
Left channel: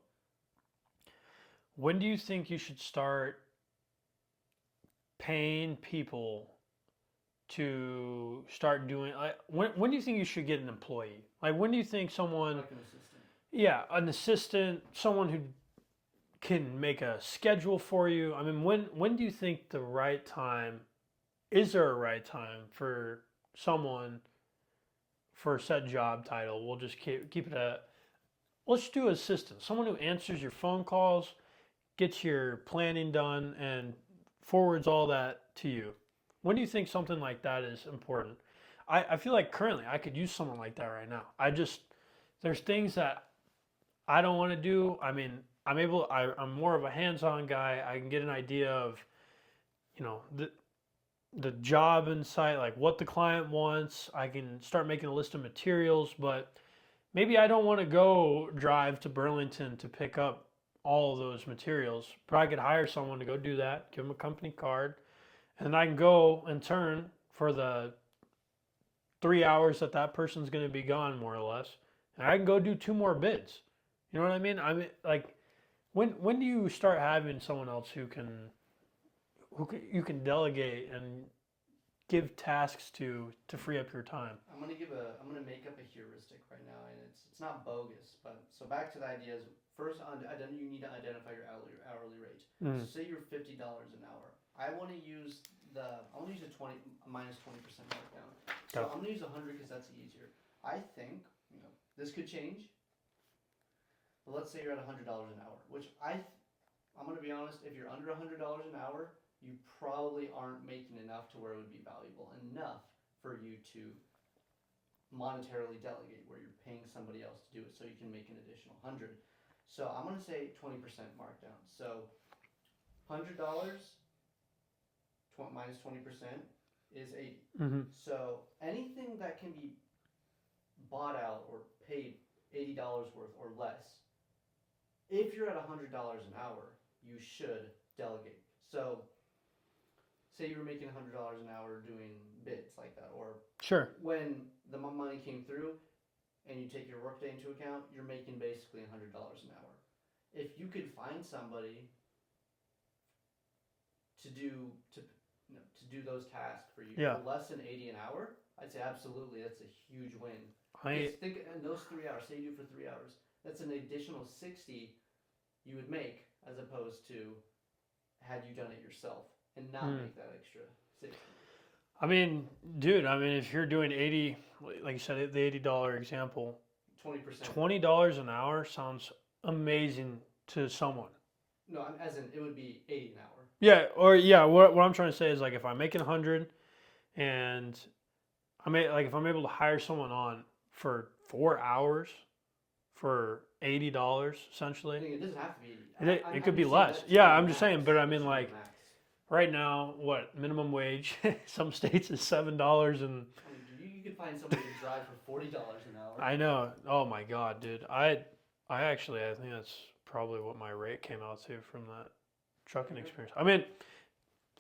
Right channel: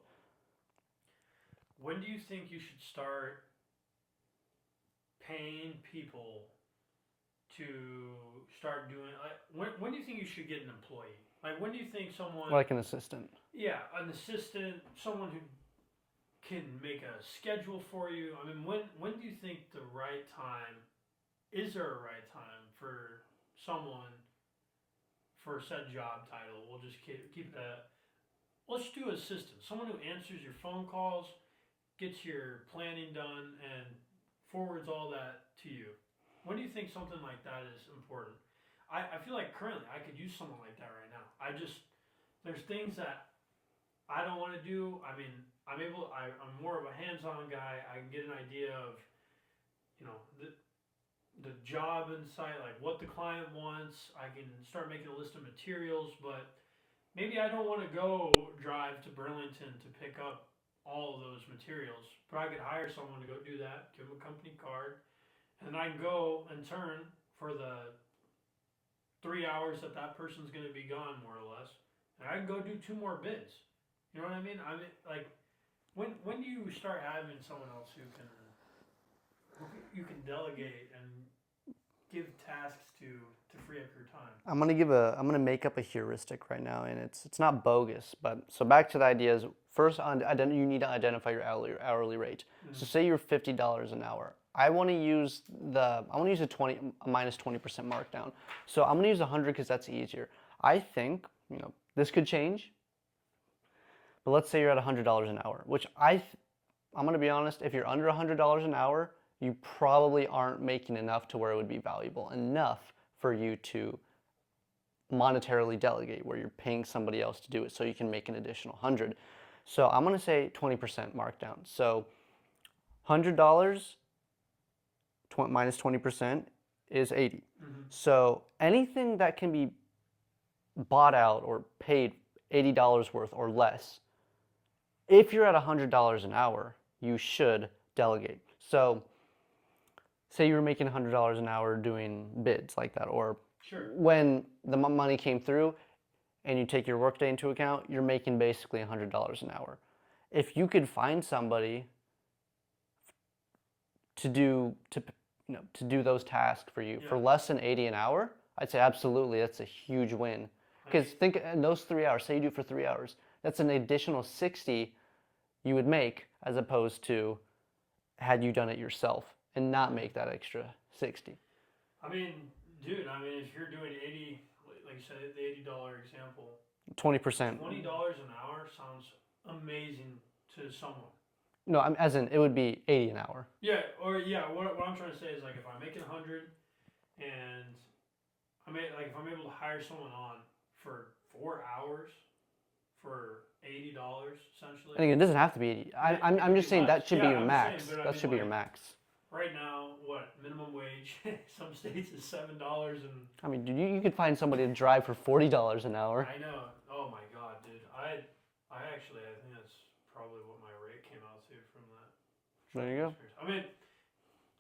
When do you think you should start paying people to start doing, like, when do you think you should get an employee? Like, when do you think someone, Like an assistant. yeah, an assistant, someone who can make a schedule for you? I mean, when do you think the right time, is there a right time for someone for said job title? We'll just keep it at, let's do assistant. Someone who answers your phone calls, gets your planning done, and forwards all that to you. When do you think something like that is important? I feel like currently I could use someone like that right now. There's things that I don't want to do. I mean, I'm more of a hands-on guy. I can get an idea of, the job in sight, like what the client wants. I can start making a list of materials, but maybe I don't want to go drive to Burlington to pick up all of those materials. But I could hire someone to go do that, give them a company card, and then I can go and turn for the 3 hours that person's going to be gone, more or less. And I can go do 2 more bids. You know what I mean? I mean, like, when do you start having someone else who you can delegate and give tasks to free up your time? I'm gonna make up a heuristic right now, and it's not bogus, but so back to the idea is first you need to identify your hourly rate. So say you're $50 an hour. I want to use a minus 20% markdown. So I'm gonna use 100 because that's easier. I think this could change, but let's say you're at $100 an hour, which I'm gonna be honest. If you're under $100 an hour, you probably aren't making enough to where it would be valuable enough for you to monetarily delegate, where you're paying somebody else to do it so you can make an additional 100. So I'm going to say 20% markdown. So $100 minus 20% is 80. So anything that can be bought out or paid $80 worth or less, if you're at $100 an hour, you should delegate. So say you were making $100 an hour doing bids like that, or Sure. when the money came through and you take your workday into account, you're making basically $100 an hour. If you could find somebody to do those tasks for you for less than 80 an hour, I'd say absolutely that's a huge win. Because think in those 3 hours, say you do it for 3 hours, that's an additional 60 you would make as opposed to had you done it yourself and not make that extra 60. I mean, dude, if you're doing 80, like you said, the $80 example, 20%. $20 an hour sounds amazing to someone. No, as in it would be 80 an hour. Yeah, or yeah, what I'm trying to say is like if I'm making 100 and if I'm able to hire someone on for 4 hours for $80 essentially. I think it doesn't have to be 80. I'm could be just saying less. that should Yeah, be your I'm just max. saying, but I That mean, should be your like- max. Right now, what minimum wage? Some states is $7, and I mean, dude, you could find somebody to drive for $40 an hour. I know. Oh my God, dude. I think that's probably what my rate came out to from that trucking you go. experience. I mean,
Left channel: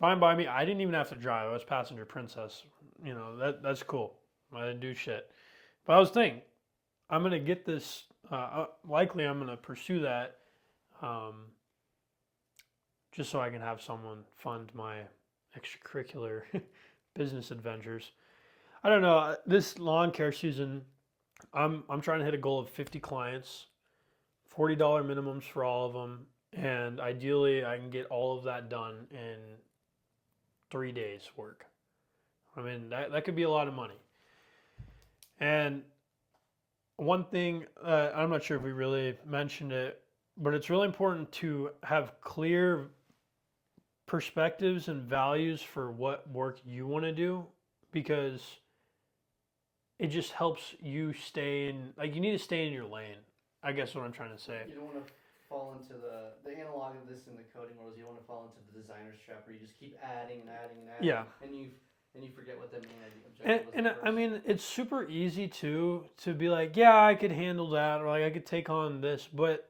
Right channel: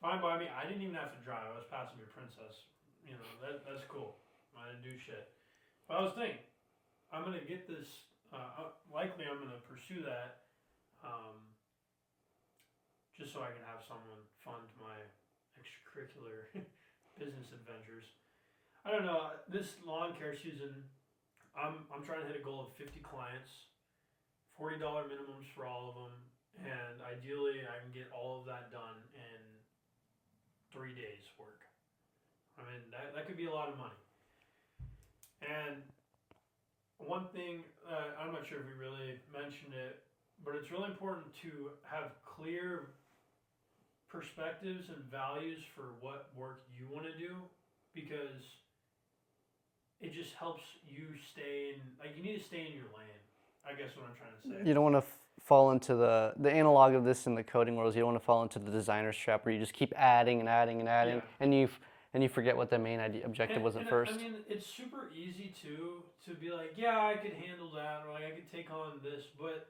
fine by me. I didn't even have to drive. I was passenger princess. You know, that's cool. I didn't do shit. But I was thinking, I'm gonna get this. Likely, I'm gonna pursue that, just so I can have someone fund my extracurricular business adventures. I don't know. This lawn care season, I'm trying to hit a goal of 50 clients, $40 minimums for all of them, and ideally I can get all of that done in 3 days work. I mean, that could be a lot of money. And one thing, I'm not sure if we really mentioned it, but it's really important to have clear perspectives and values for what work you want to do, because it just helps you stay in, like, you need to stay in your lane. I guess what I'm trying to say. You don't want to fall into the analog of this in the coding world is you don't want to fall into the designer's trap where you just keep adding and adding and adding, Yeah. and you forget what the main objective was at first. I mean, it's super easy to be like, yeah, I could handle that, or like I could take on this, but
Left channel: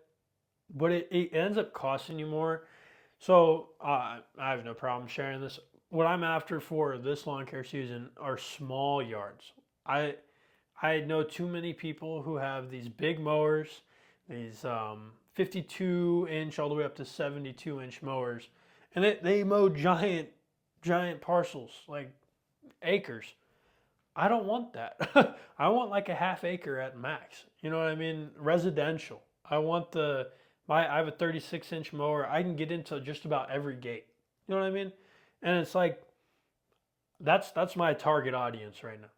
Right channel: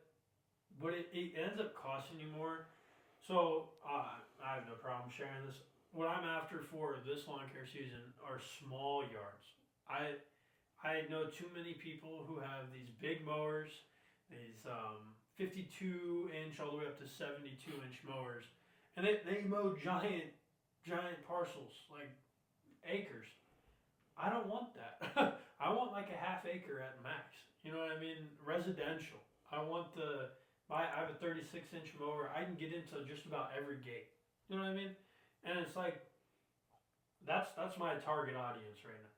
it ends up costing you more. So I have no problem sharing this. What I'm after for this lawn care season are small yards. I know too many people who have these big mowers, these 52-inch all the way up to 72-inch mowers, and they mow giant parcels, like acres. I don't want that. I want like a half acre at max. You know what I mean? Residential. I want I have a 36-inch mower. I can get into just about every gate. You know what I mean? And it's like that's my target audience right now.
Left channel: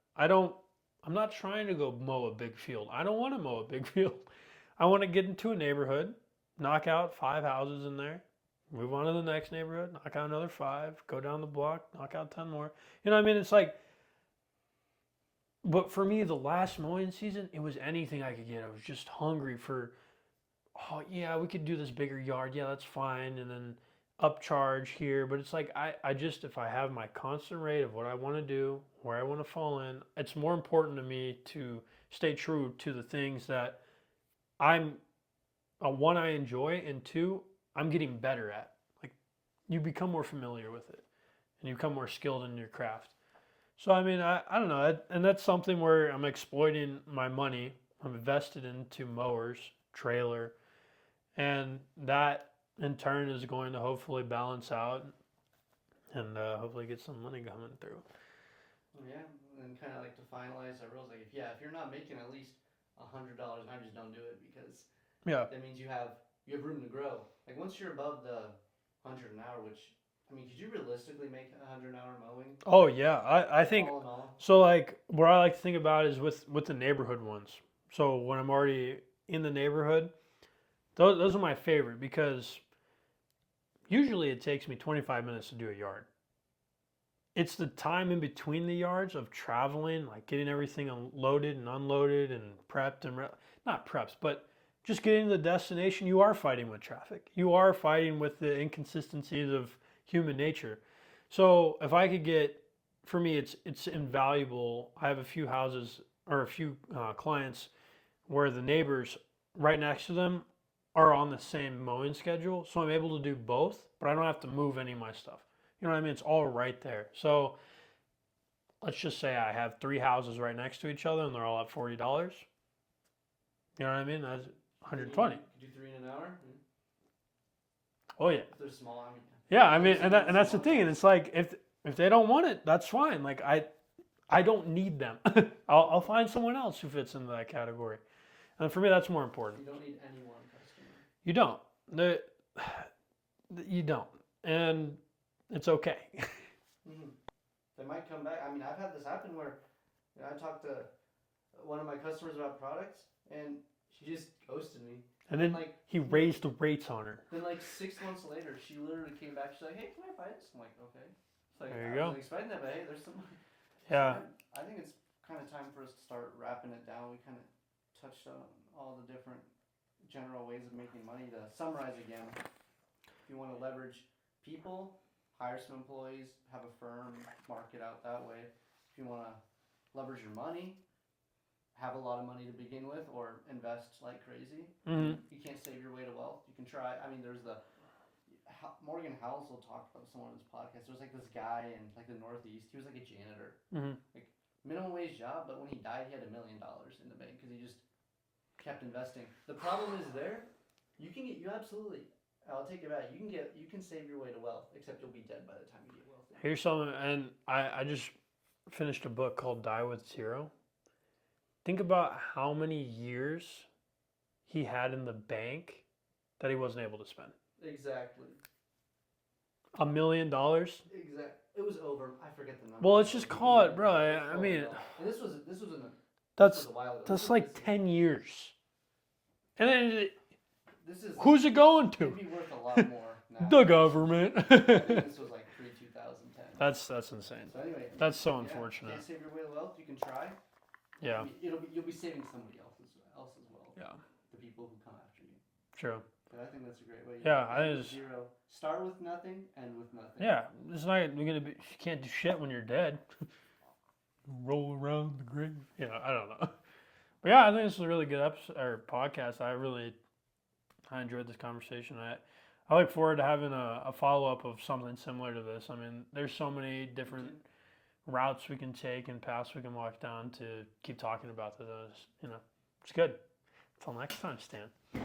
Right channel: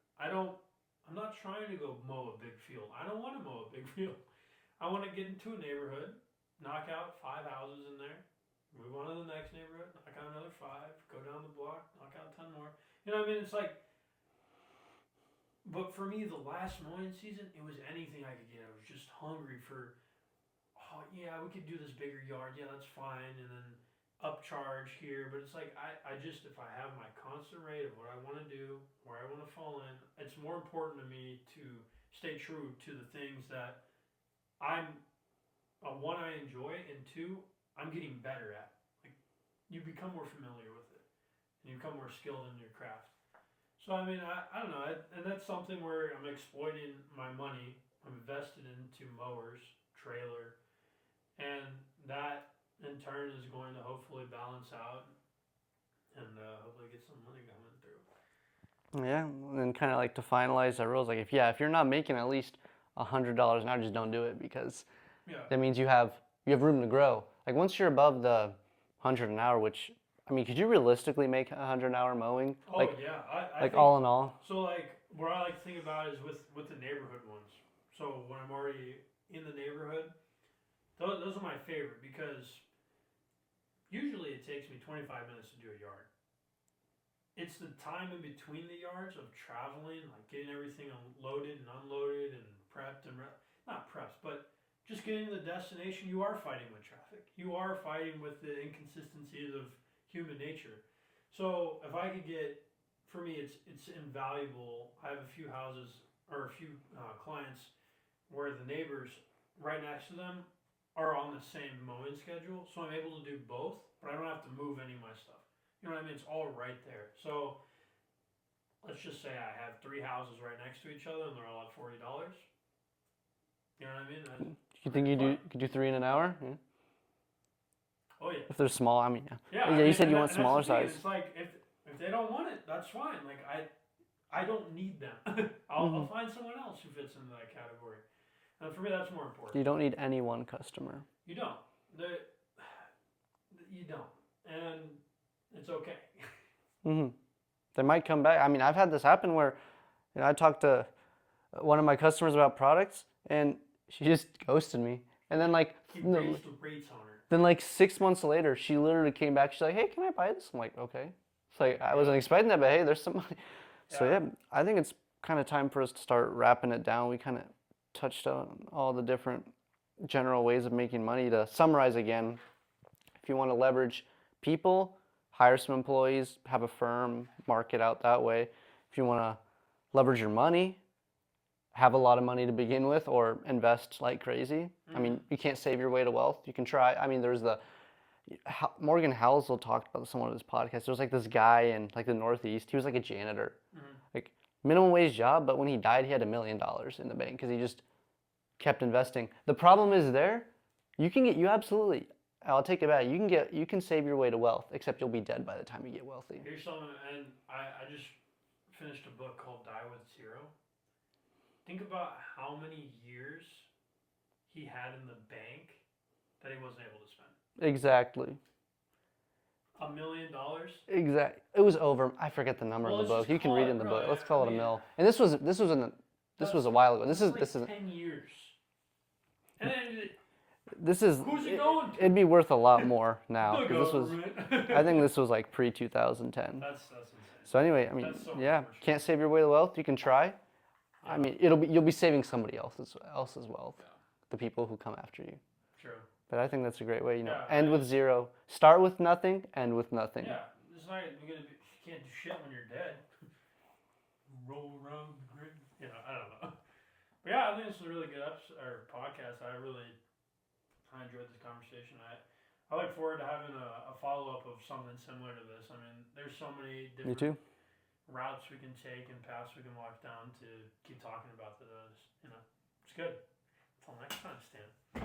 I'm not trying to go mow a big field. I don't want to mow a big field. I want to get into a neighborhood, knock out 5 houses in there, move on to the next neighborhood, knock out another 5, go down the block, knock out 10 more. You know what I mean? It's like, but for me, the last mowing season, it was anything I could get. I was just hungry for, oh yeah, we could do this bigger yard. Yeah, that's fine. And then upcharge here. But it's like, I just, if I have my constant rate of what I want to do, where I want to fall in, it's more important to me to stay true to the things that one, I enjoy, and two, I'm getting better at. Like, you become more familiar with it, and you become more skilled in your craft. So, I mean, I don't know, and that's something where I'm exploiting my money. I'm invested into mowers, trailer, and that in turn is going to hopefully balance out and hopefully get some money coming through. Yeah, and kind of like to finalize that rules, like if you're not making at least $100 an hour, just don't do it, because Yeah. that means you have room to grow. Like once you're above the 100 an hour, which I mean, could you realistically make 100 an hour mowing? Oh Like- yeah, I like think all in all. so. Like what I like to think about is with the neighborhood ones. So when I'm already in the neighborhood, those are my favorite, because usually it takes me 25 minutes to do a yard. It's the time in between the yards of traveling, like getting everything loaded and unloaded and prepped and not prepped, but just getting to the destination. You are fighting with traffic. You are fighting with the inconsistencies of human nature. So if I could get, for me, it's invaluable. I have a few houses or a few clients where the neighbors right next to them are on the same mowing schedule, so I'm able to do both, but I don't have to move any of my stuff. You know what I mean? It's all right there. So let's just say I have 3 houses right next to each other and they're all at $40. You know what I mean? That's You think you 120. could do 3 in an hour? Yeah. Oh yeah. If they're small, I mean, yeah. Yeah, Yeah, I you mean, said and, you want and that's the smaller thing. And size. it's like if they don't want it, that's fine. Like I don't need them. I'll find someone else who fits into that category. And for me, that's more important. You don't need any one customer. You don't. You don't, and it's okay. They might come back. I mean, I've had this happen where, I talked to one of my customers about products, and she just ghosted me. And then like He raised the rates on her. then like 6 months later, she literally came back. She's like, "Hey, can I buy this?" I'm like, "Okay." It's like There you I wasn't go. expecting that, but hey, there's some money. So Yeah. yeah, I think it's kind of time for us to start wrapping it down. We kind of touched on all the different general ways of making money. To summarize again, if you want to leverage people, hire some employees, have a firm, market out that way. If you want to leverage your money, have a lot of money to begin with, or invest like crazy. I mean, you can't save your way to wealth. You can try. I mean, there's the Morgan Housel talked about this on one of his podcasts. There was like this guy in like the Northeast. He was like a janitor, like minimum wage job. But when he died, he had $1 million in the bank because he just kept investing. The problem is there, you absolutely. I'll take it back. You can save your way to wealth, except you'll be dead by the time you get wealthy. Here's something, and I just finished a book called Die with Zero. Think about how many years he had in the bank that he wasn't able to spend. Exactly. $1 million? Exactly. It was over. I forget the number. Well, of the let's book. just You call can read it, in the bro, book. Let's I call it a mean, mill. And this was a while ago. That's This is like this is 10 years. And then this is who's it going to? It'd be worth a lot more now. The 'cause this was- government. I think this was like pre 2010. That's insane. So anyway, I mean, That's so yeah, unfortunate. can't save your way to wealth. You can try. Yeah. I mean, you'll be saving somebody else's wealth. Yeah. The people who come after you. True. But I think that's a great way. Yeah, End it with is. zero. Start with nothing. End with nothing. Yeah, it's not you're gonna be. You can't do shit when you're dead. Roll around the grave. You know, I don't know. But yeah, I think this is a really good episode or podcast. I enjoyed this conversation. I look forward to having a follow up of something similar to this. I mean, there's so many Me different too. routes we can take and paths we can walk down to keep talking about those. You know, it's good. Until next time, Stan.